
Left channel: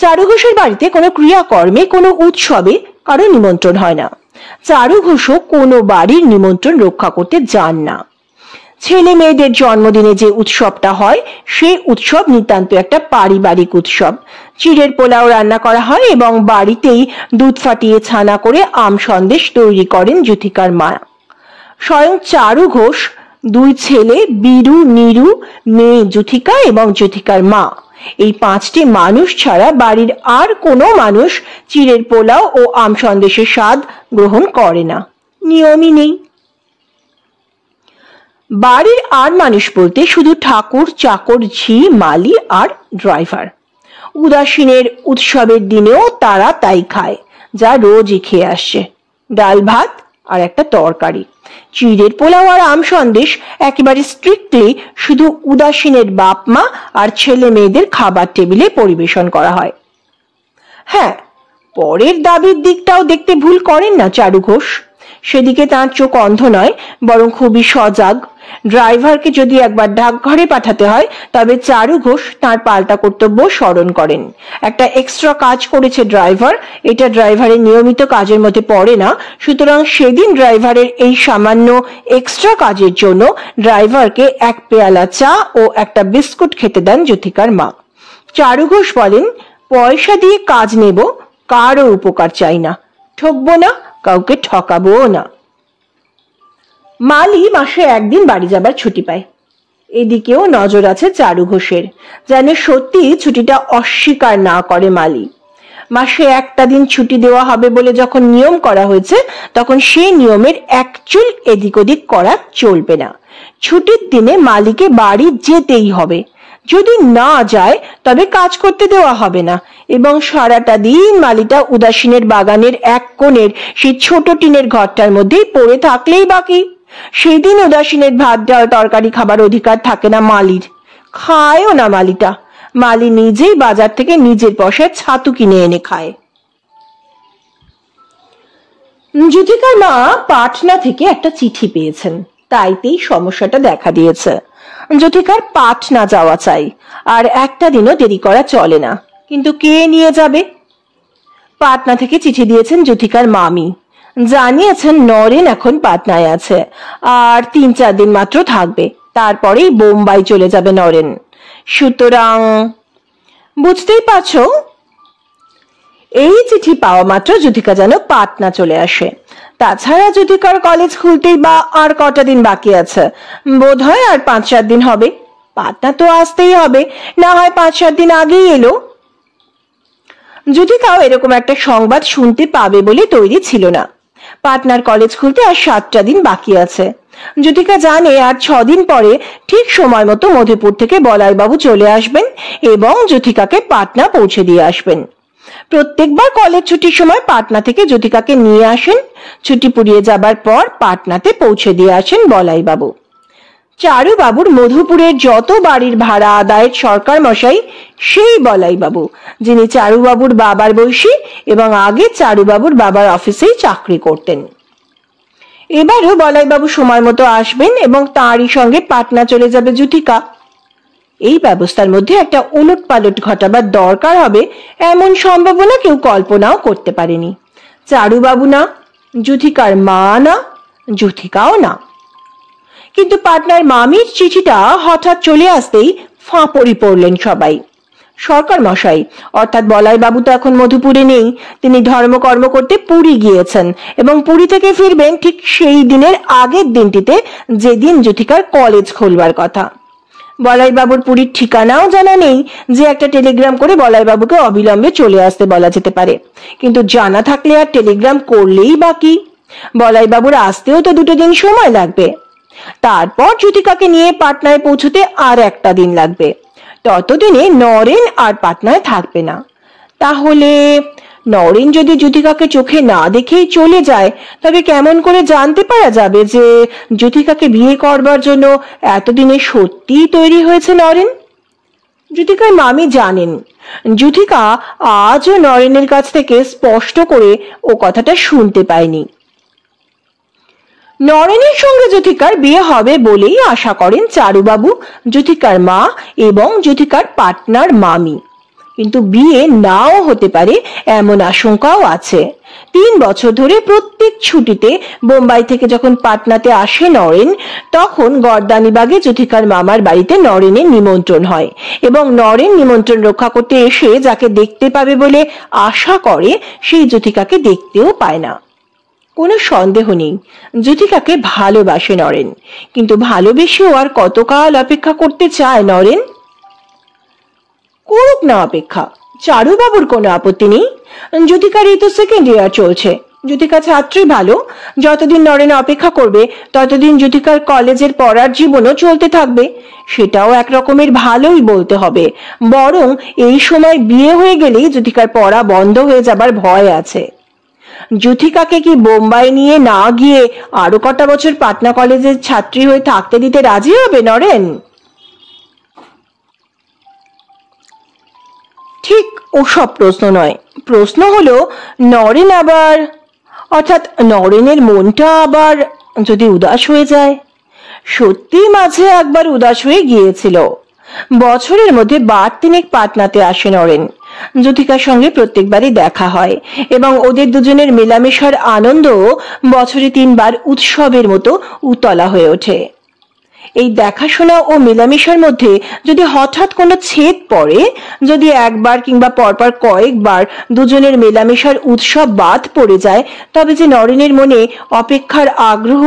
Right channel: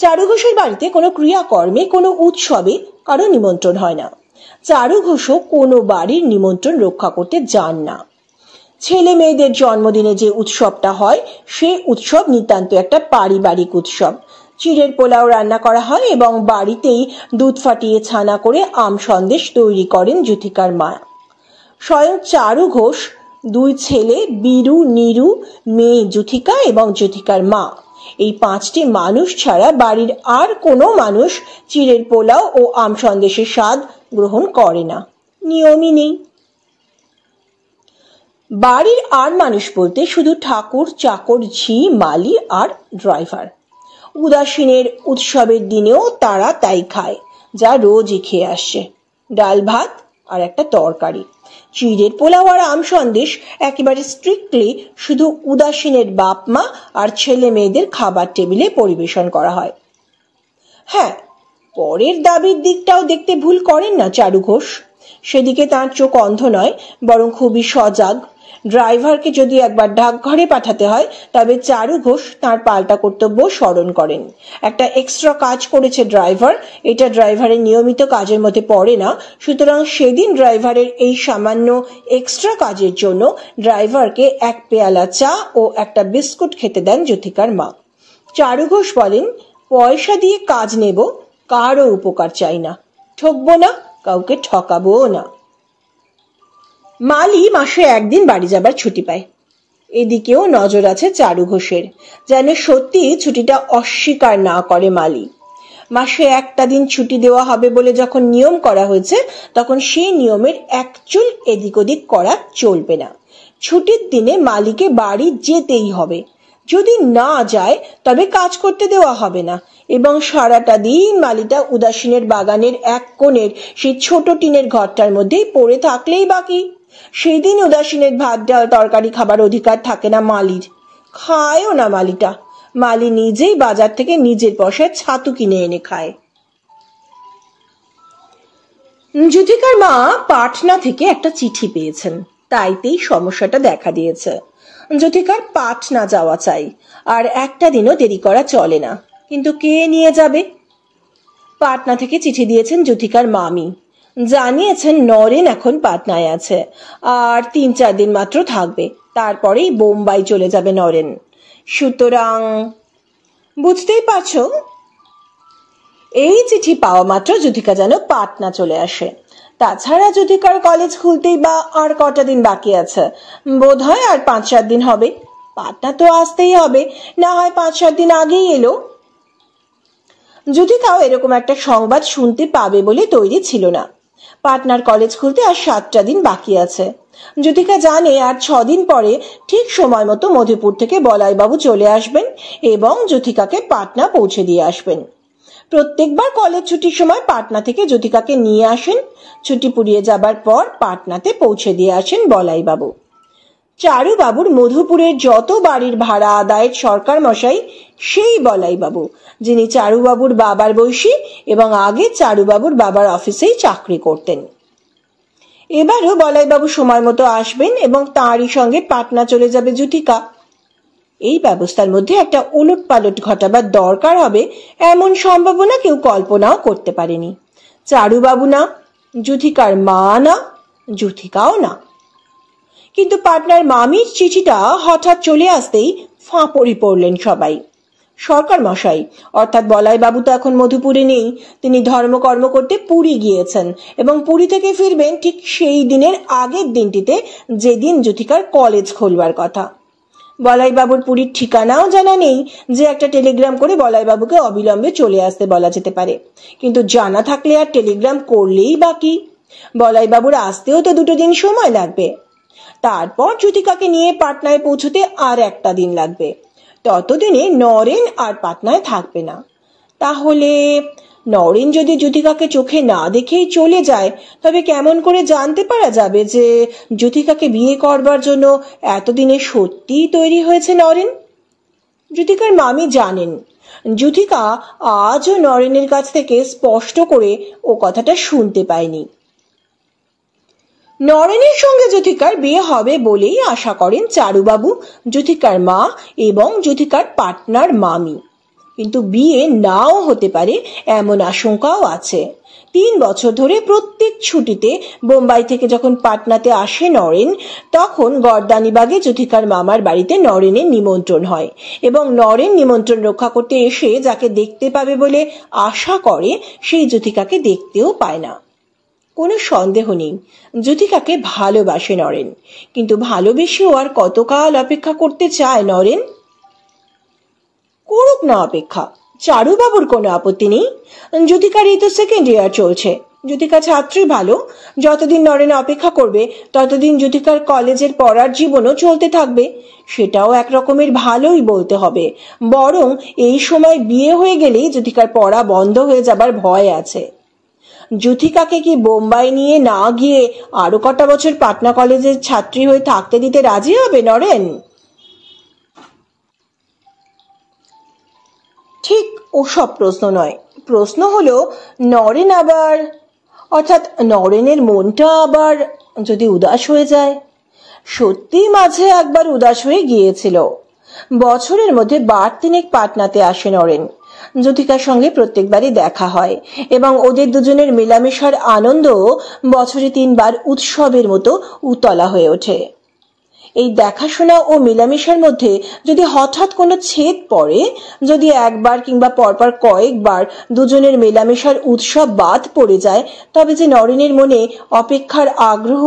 চারু ঘোষের বাড়িতে কোনো ক্রিয়াকর্মে, কোনো উৎসবে কারো নিমন্ত্রণ হয় না। চারু ঘোষও কোনো বাড়ির নিমন্ত্রণ রক্ষা করতে যান না। ছেলে মেয়েদের জন্মদিনে যে উৎসবটা হয় সেই উৎসব নিতান্ত একটা পারিবারিক উৎসব। চিড়ের পোলাও রান্না করা হয় এবং বাড়িতেই দুধ ফাটিয়ে ছানা করে আম সন্দেশ তৈরি করেন জ্যোতিকার মা। স্বয়ং চারু ঘোষ, 2 ছেলে বীরু, নীরু, মেয়ে জ্যোতিকা এবং জ্যোতিকার মা, এই 5টি মানুষ ছাড়া বাড়ির আর কোনো মানুষ চিড়ের পোলাও ও আম সন্দেশের স্বাদ গ্রহণ করে না, নিয়মই নেই। বাড়ির আর মানুষ বলতে শুধু ঠাকুর, চাকর, ঝি, মালি আর ড্রাইভার। উদাসীনের উৎসবের দিনেও তারা তাই খায় যা রোজই খেয়ে আসছে, ডাল ভাত আর একটা তরকারি। চিড়ের পোলাও আর আম সন্দেশ একেবারে স্ট্রিক্টলি শুধু উদাসীনের বাপ মা আর ছেলে মেয়েদের খাবার টেবিলে পরিবেশন করা হয়। হ্যাঁ, পরের দাবির দিকটাও দেখতে ভুল করেন না চারু ঘোষ। সেদিকে তার চোখ অন্ধ নয়, বরং খুবই সজাগ। ড্রাইভারকে যদি একবার ডাকঘরে পাঠাতে হয় তবে চারু ঘোষ তার পাল্টা কর্তব্য স্মরণ করেন। একটা এক্সট্রা কাজ করেছে ড্রাইভার, এটা ড্রাইভারের নিয়মিত কাজের মধ্যে পড়ে না, সুতরাং সেদিন ড্রাইভারের এই সামান্য এক্সট্রা কাজের জন্য ড্রাইভারকে 1 পেয়ালা চা ও একটা বিস্কুট খেতে দেন জ্যোতিকার মা। চারু ঘোষ বলেন, পয়সা দিয়ে কাজ নেব, কারো উপকার চাই না, ঠকবো না, কাউকে ঠকাবো না। মালি মাসে 1 দিন বাড়ি যাবার ছুটি পায়। এদিকেও নজর আছে চারু ঘোষের, যেন সত্যি ছুটিটা অস্বীকার না করে মালি। মাসে 1টা দিন ছুটি দেওয়া হবে বলে যখন নিয়ম করা হয়েছে, তখন সেই নিয়মের এক চুল এদিক ওদিক করা চলবে না। ছুটির দিনে মালিকে বাড়ি যেতেই হবে, যদি না যায় তবে কাজ করতে দেওয়া হবে না এবং সারাটা দিন মালিটা উদাসীনের বাগানের এক কোণের সেই ছোট টিনের ঘরটার মধ্যেই পড়ে থাকলেই বাকি। সেই দিন উদাসীনের ভাত ডাল তরকারি খাবার অধিকার থাকে না মালির, খায়ও না মালিটা। মালি নিজেই বাজার থেকে নিজের পয়সায় ছাতু কিনে এনে খায়। জ্যোতিকার মা পাটনা থেকে একটা চিঠি পেয়েছেন, তাইতেই সমস্যাটা দেখা দিয়েছে। জ্যোতিকার পাটনা যাওয়া চাই, আর একটা দিনও দেরি করা চলে না। কিন্তু কে নিয়ে যাবে? পাটনা থেকে চিঠি দিয়েছেন জ্যোতিকার মামি, জানিয়েছেন নরেন এখন পাটনায় আছে আর 3-4 দিন মাত্র থাকবে, তারপরেই বোম্বাই চলে যাবে নরেন। সুতরাং বুঝতেই পারছো, এই চিঠি পাওয়া মাত্র জ্যোতিকা যেন পাটনা চলে আসে। তাছাড়া জ্যোতিকার কলেজ খুলতেই বা আর কটা দিন বাকি আছে, বোধ হয় আর 5-4 দিন হবে। পাটনা তো আসতেই হবে, না হয় 5-7 দিন আগেই এলো। জ্যোতিকাও এরকম একটা সংবাদ শুনতে পাবে বলে তৈরি ছিল না। পাটনার কলেজ খুলতে আর 7টা দিন বাকি আছে। জ্যোতিকা জানে আর 6 দিন পরে ঠিক সময় মতো মধুপুর থেকে বলাইবাবু চলে আসবেন এবং জ্যোতিকাকে পাটনা পৌঁছে দিয়ে আসবেন। প্রত্যেকবার কলেজ ছুটির সময় পাটনা থেকে জ্যোতিকাকে নিয়ে আসেন। ছুটি পুড়িয়ে যাবার পর পাটনাতে পৌঁছে দিয়ে আসেন বলাইবাবু। চারুবাবুর মধুপুরের যত বাড়ির ভাড়া আদায়ের সরকার মশাই সেই বলাইবাবু, যিনি চারুবাবুর বাবার বয়সী এবং আগে চারুবাবুর বাবার অফিসেই চাকরি করতেন। এবারও বলাইবাবু সময় মতো আসবেন এবং তাঁরই সঙ্গে পাটনা চলে যাবে জ্যোতিকা। এই ব্যবস্থার মধ্যে একটা উলটপালট ঘটাবার দরকার হবে এমন সম্ভাবনা কেউ কল্পনাও করতে পারেনি। চারুবাবু না, জ্যোতিকার মা না, জ্যোতিকাও না। কিন্তু পাটনার মামির চিঠিটা হঠাৎ চলে আসতেই ফাঁপড়ে পড়লেন সবাই। সরকার মশাই অর্থাৎ বলাইবাবু তো এখন মধুপুরে নেই, তিনি ধর্মকর্ম করতে পুরী গিয়েছেন এবং পুরী থেকে ফিরবেন ঠিক সেই দিনের আগের দিনটিতে, যেদিন জ্যোতিকার কলেজ খুলবার কথা। বলাইবাবুর পুরীর ঠিকানাও জানা নেই যে একটা টেলিগ্রাম করে বলাইবাবুকে অবিলম্বে চলে আসতে বলা যেতে পারে, কিন্তু জানা থাকলে আর টেলিগ্রাম করলেই বাকি। বলাইবাবুর আসতেও তো 2 দিন সময় লাগবে। তারপর জ্যোতিকাকে নিয়ে পাটনায় পৌঁছতে আর 1টা দিন লাগবে। ততদিনে নরেন আর পাটনায় থাকবে না। তাহলে নরেন যদি জ্যোতিকাকে চোখে না দেখেই চলে যায়, তবে কেমন করে জানতে পারা যাবে যে জ্যোতিকাকে বিয়ে করবার জন্য এতদিনে সত্যিই তৈরি হয়েছে নরেন? জ্যোতিকার মামি জানেন জ্যোতিকা আজও নরেনের কাছ থেকে স্পষ্ট করে ও কথাটা শুনতে পায়নি। নরেনের সঙ্গে জ্যোতিকার বিয়ে হবে বলেই আশা করেন চারুবাবু, জ্যোতিকার মা এবং জ্যোতিকার পাটনার মামি। কিন্তু বিয়ে নাও হতে পারে এমন আশঙ্কাও আছে। 3 বছর ধরে প্রত্যেক ছুটিতে বোম্বাই থেকে যখন পাটনাতে আসে নরেন, তখন গর্দানিবাগে জ্যোতিকার মামার বাড়িতে নরেনের নিমন্ত্রণ হয় এবং নরেন নিমন্ত্রণ রক্ষা করতে এসে যাকে দেখতে পাবে বলে আশা করে সেই জ্যোতিকাকে দেখতেও পায় না। কোনো সন্দেহ নেই জ্যোতিকাকে ভালোবাসে নরেন, কিন্তু ভালোবেসেও আর কতকাল অপেক্ষা করতে চায় নরেন? করুক না অপেক্ষা, চারুবাবুর কোনো আপত্তি নেই। জ্যোতিকার এই তো 2nd ইয়ার চলছে। জ্যোতিকা ছাত্রী ভালো, যতদিন নরেন অপেক্ষা করবে ততদিন জ্যোতিকার কলেজের পড়ার জীবনও চলতে থাকবে। সেটাও এক রকমের ভালোই বলতে হবে, বরং এই সময় বিয়ে হয়ে গেলেই জ্যোতিকার পড়া বন্ধ হয়ে যাবার ভয় আছে। জ্যোতিকাকে কি বোম্বাই নিয়ে না গিয়ে আরো কটা বছর পাটনা কলেজের ছাত্রী হয়ে থাকতে দিতে রাজি হবে নরেন? ঠিক ওসব প্রশ্ন নয়। প্রশ্ন হলো নরেন আবার, অর্থাৎ নরেনের মনটা আবার যদি উদাস হয়ে যায়। সত্যি মাঝে একবার উদাস হয়ে গিয়েছিল। বছরের মধ্যে 3 পাটনাতে আসে নরেন। জ্যোতিকার সঙ্গে প্রত্যেকবারই দেখা হয় এবং ওদের দুজনের মেলামেশার আনন্দ বছরে 3 বার উৎসবের মতো উতলা হয়ে ওঠে। এই দেখাশোনা ও মেলামেশার মধ্যে যদি হঠাৎ কোনো ছেদ পড়ে, যদি একবার কিংবা পরপর কয়েকবার দুজনের মেলামেশার উৎসব বাদ পড়ে যায়, তবে যে নরেনের মনে অপেক্ষার আগ্রহ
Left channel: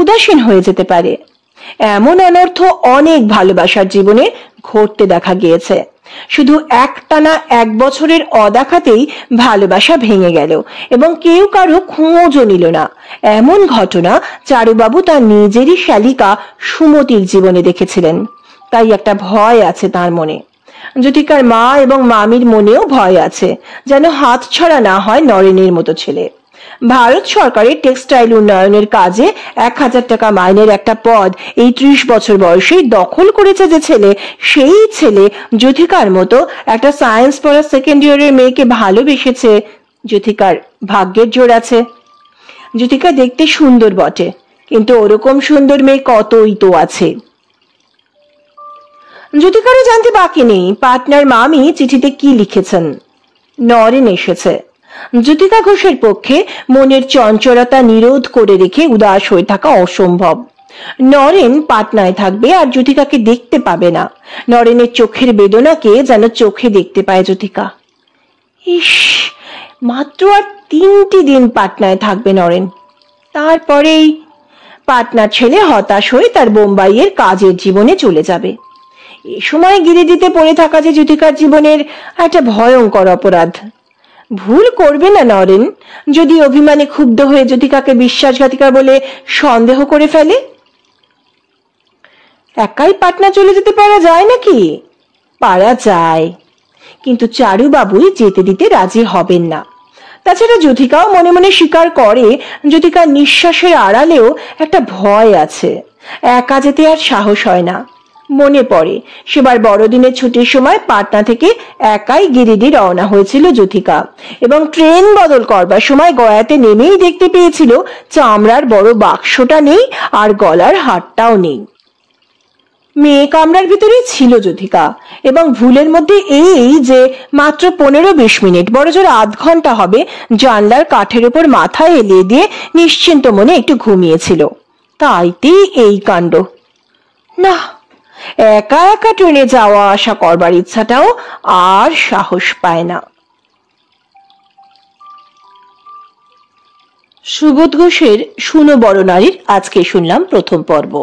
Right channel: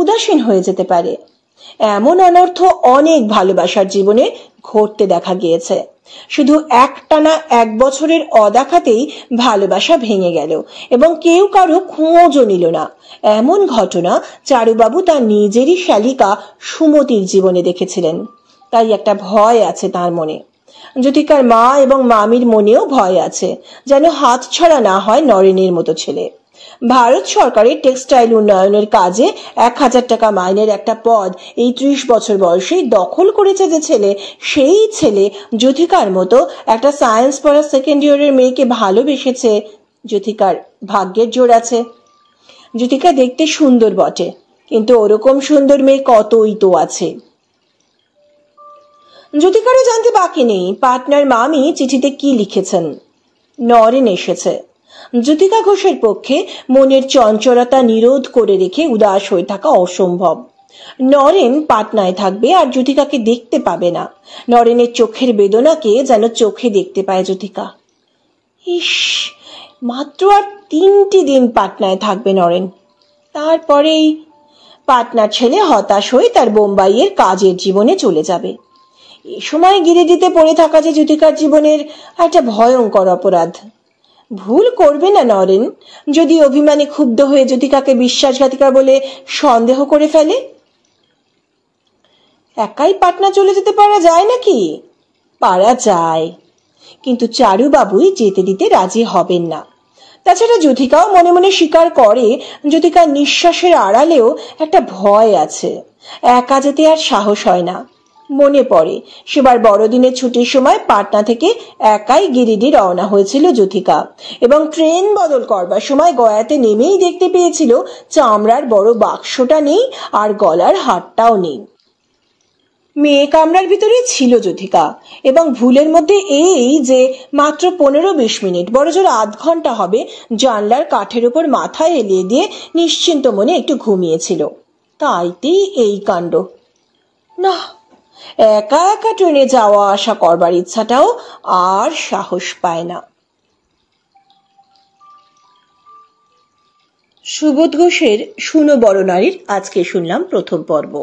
উদাসীন হয়ে যেতে পারে। এমন অনর্থ অনেক ভালোবাসার জীবনে ঘটতে দেখা গিয়েছে। শুধু একটানা 1 বছরের অদেখাতেই ভালোবাসা ভেঙে গেল এবং কেউ কারো খোঁজও নিল না। এমন ঘটনা চারুবাবু তার নিজেরই শালিকা সুমতির জীবনে দেখেছিলেন। তাই একটা ভয় আছে তার মনে। জ্যোতিকার মা এবং মামির মনেও ভয় আছে, যেন হাতছাড়া না হয় নরেনের মতো ছেলে। ভারত সরকারের টেক্সটাইল উন্নয়নের কাজে 1000 টাকা মাইনের একটা পদ এই 30 বছর বয়সেই দখল করেছে যে ছেলে, সেই ছেলে জ্যোতিকার মতো একটা সায়েন্স পড়া 2nd ইয়ারের মেয়েকে ভালোবেসেছে। জ্যোতিকার ভাগ্যের জোর আছে। জ্যোতিকা দেখতে সুন্দর বটে, কিন্তু ওরকম সুন্দর মেয়ে কতই তো আছে। জ্যোতিকারও জানতে বাকি নেই পাটনার মামি চিঠিতে কি লিখেছেন। নরেন এসেছে। জ্যোতিকা ঘোষের পক্ষে মনের চঞ্চলতা নিরোধ করে রেখে উদাস হয়ে থাকা অসম্ভব। নরেন পাটনায় থাকবে আর জ্যোতিকাকে দেখতে পাবে না। নরেনের চোখের বেদনাকে যেন চোখে দেখতে পায় জ্যোতিকা। ইস, মাত্র আর 3টি দিন পাটনায় থাকবে নরেন। তারপরেই পাটনার ছেলে হতাশ হয়ে তার বোম্বাইয়ের কাজের জীবনে চলে যাবে। এ সময় গিরিডিতে পড়ে থাকা যে জ্যোতিকার জীবনের একটা ভয়ঙ্কর অপরাধ। ভুল করবে না নরেন, যদি অভিমানে ক্ষুব্ধ হয়ে জ্যোতিকাকে বিশ্বাসঘাতিকা বলে সন্দেহ করে ফেলে। একাই পাটনা চলে যেতে পারা যায় নাকি? পারা যায়, কিন্তু চারুবাবুই যেতে দিতে রাজি হবেন না। তাছাড়া জ্যোতিকাও মনে মনে স্বীকার করে জ্যোতিকার নিঃশ্বাসের আড়ালেও একটা ভয় আছে, একা যেতে আর সাহস হয় না। মনে পড়ে সেবার বড়দিনের ছুটির সময় পাটনা থেকে একাই গিরিডি রওনা হয়েছিল জ্যোতিকা, এবং ট্রেন বদল করবার সময় গয়াতে নেমেই দেখতে পেয়েছিল চামড়ার বড় বাক্সটা নেই আর গলার হারটাও নেই। মেয়ে কামরার ভিতরেই ছিল জ্যোতিকা, এবং ভুলের মধ্যে এই যে মাত্র 15-20 মিনিট, বড় জোর আধ ঘন্টা হবে জানলার কাঠের উপর মাথা এলিয়ে দিয়ে নিশ্চিন্ত মনে একটু ঘুমিয়েছিল। তাইতেই এই কাণ্ড। না, একা একা ট্রেনে যাওয়া আসা করবার ইচ্ছাটাও আর সাহস পায় না। সুবোধ ঘোষের শুনো বড় নারীর আজকে শুনলাম প্রথম পর্ব।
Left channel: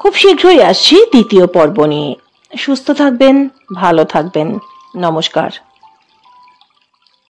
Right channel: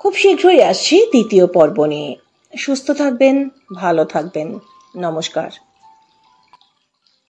খুব শীঘ্রই আসছি দ্বিতীয় পর্ব নিয়ে। সুস্থ থাকবেন, ভালো থাকবেন। নমস্কার।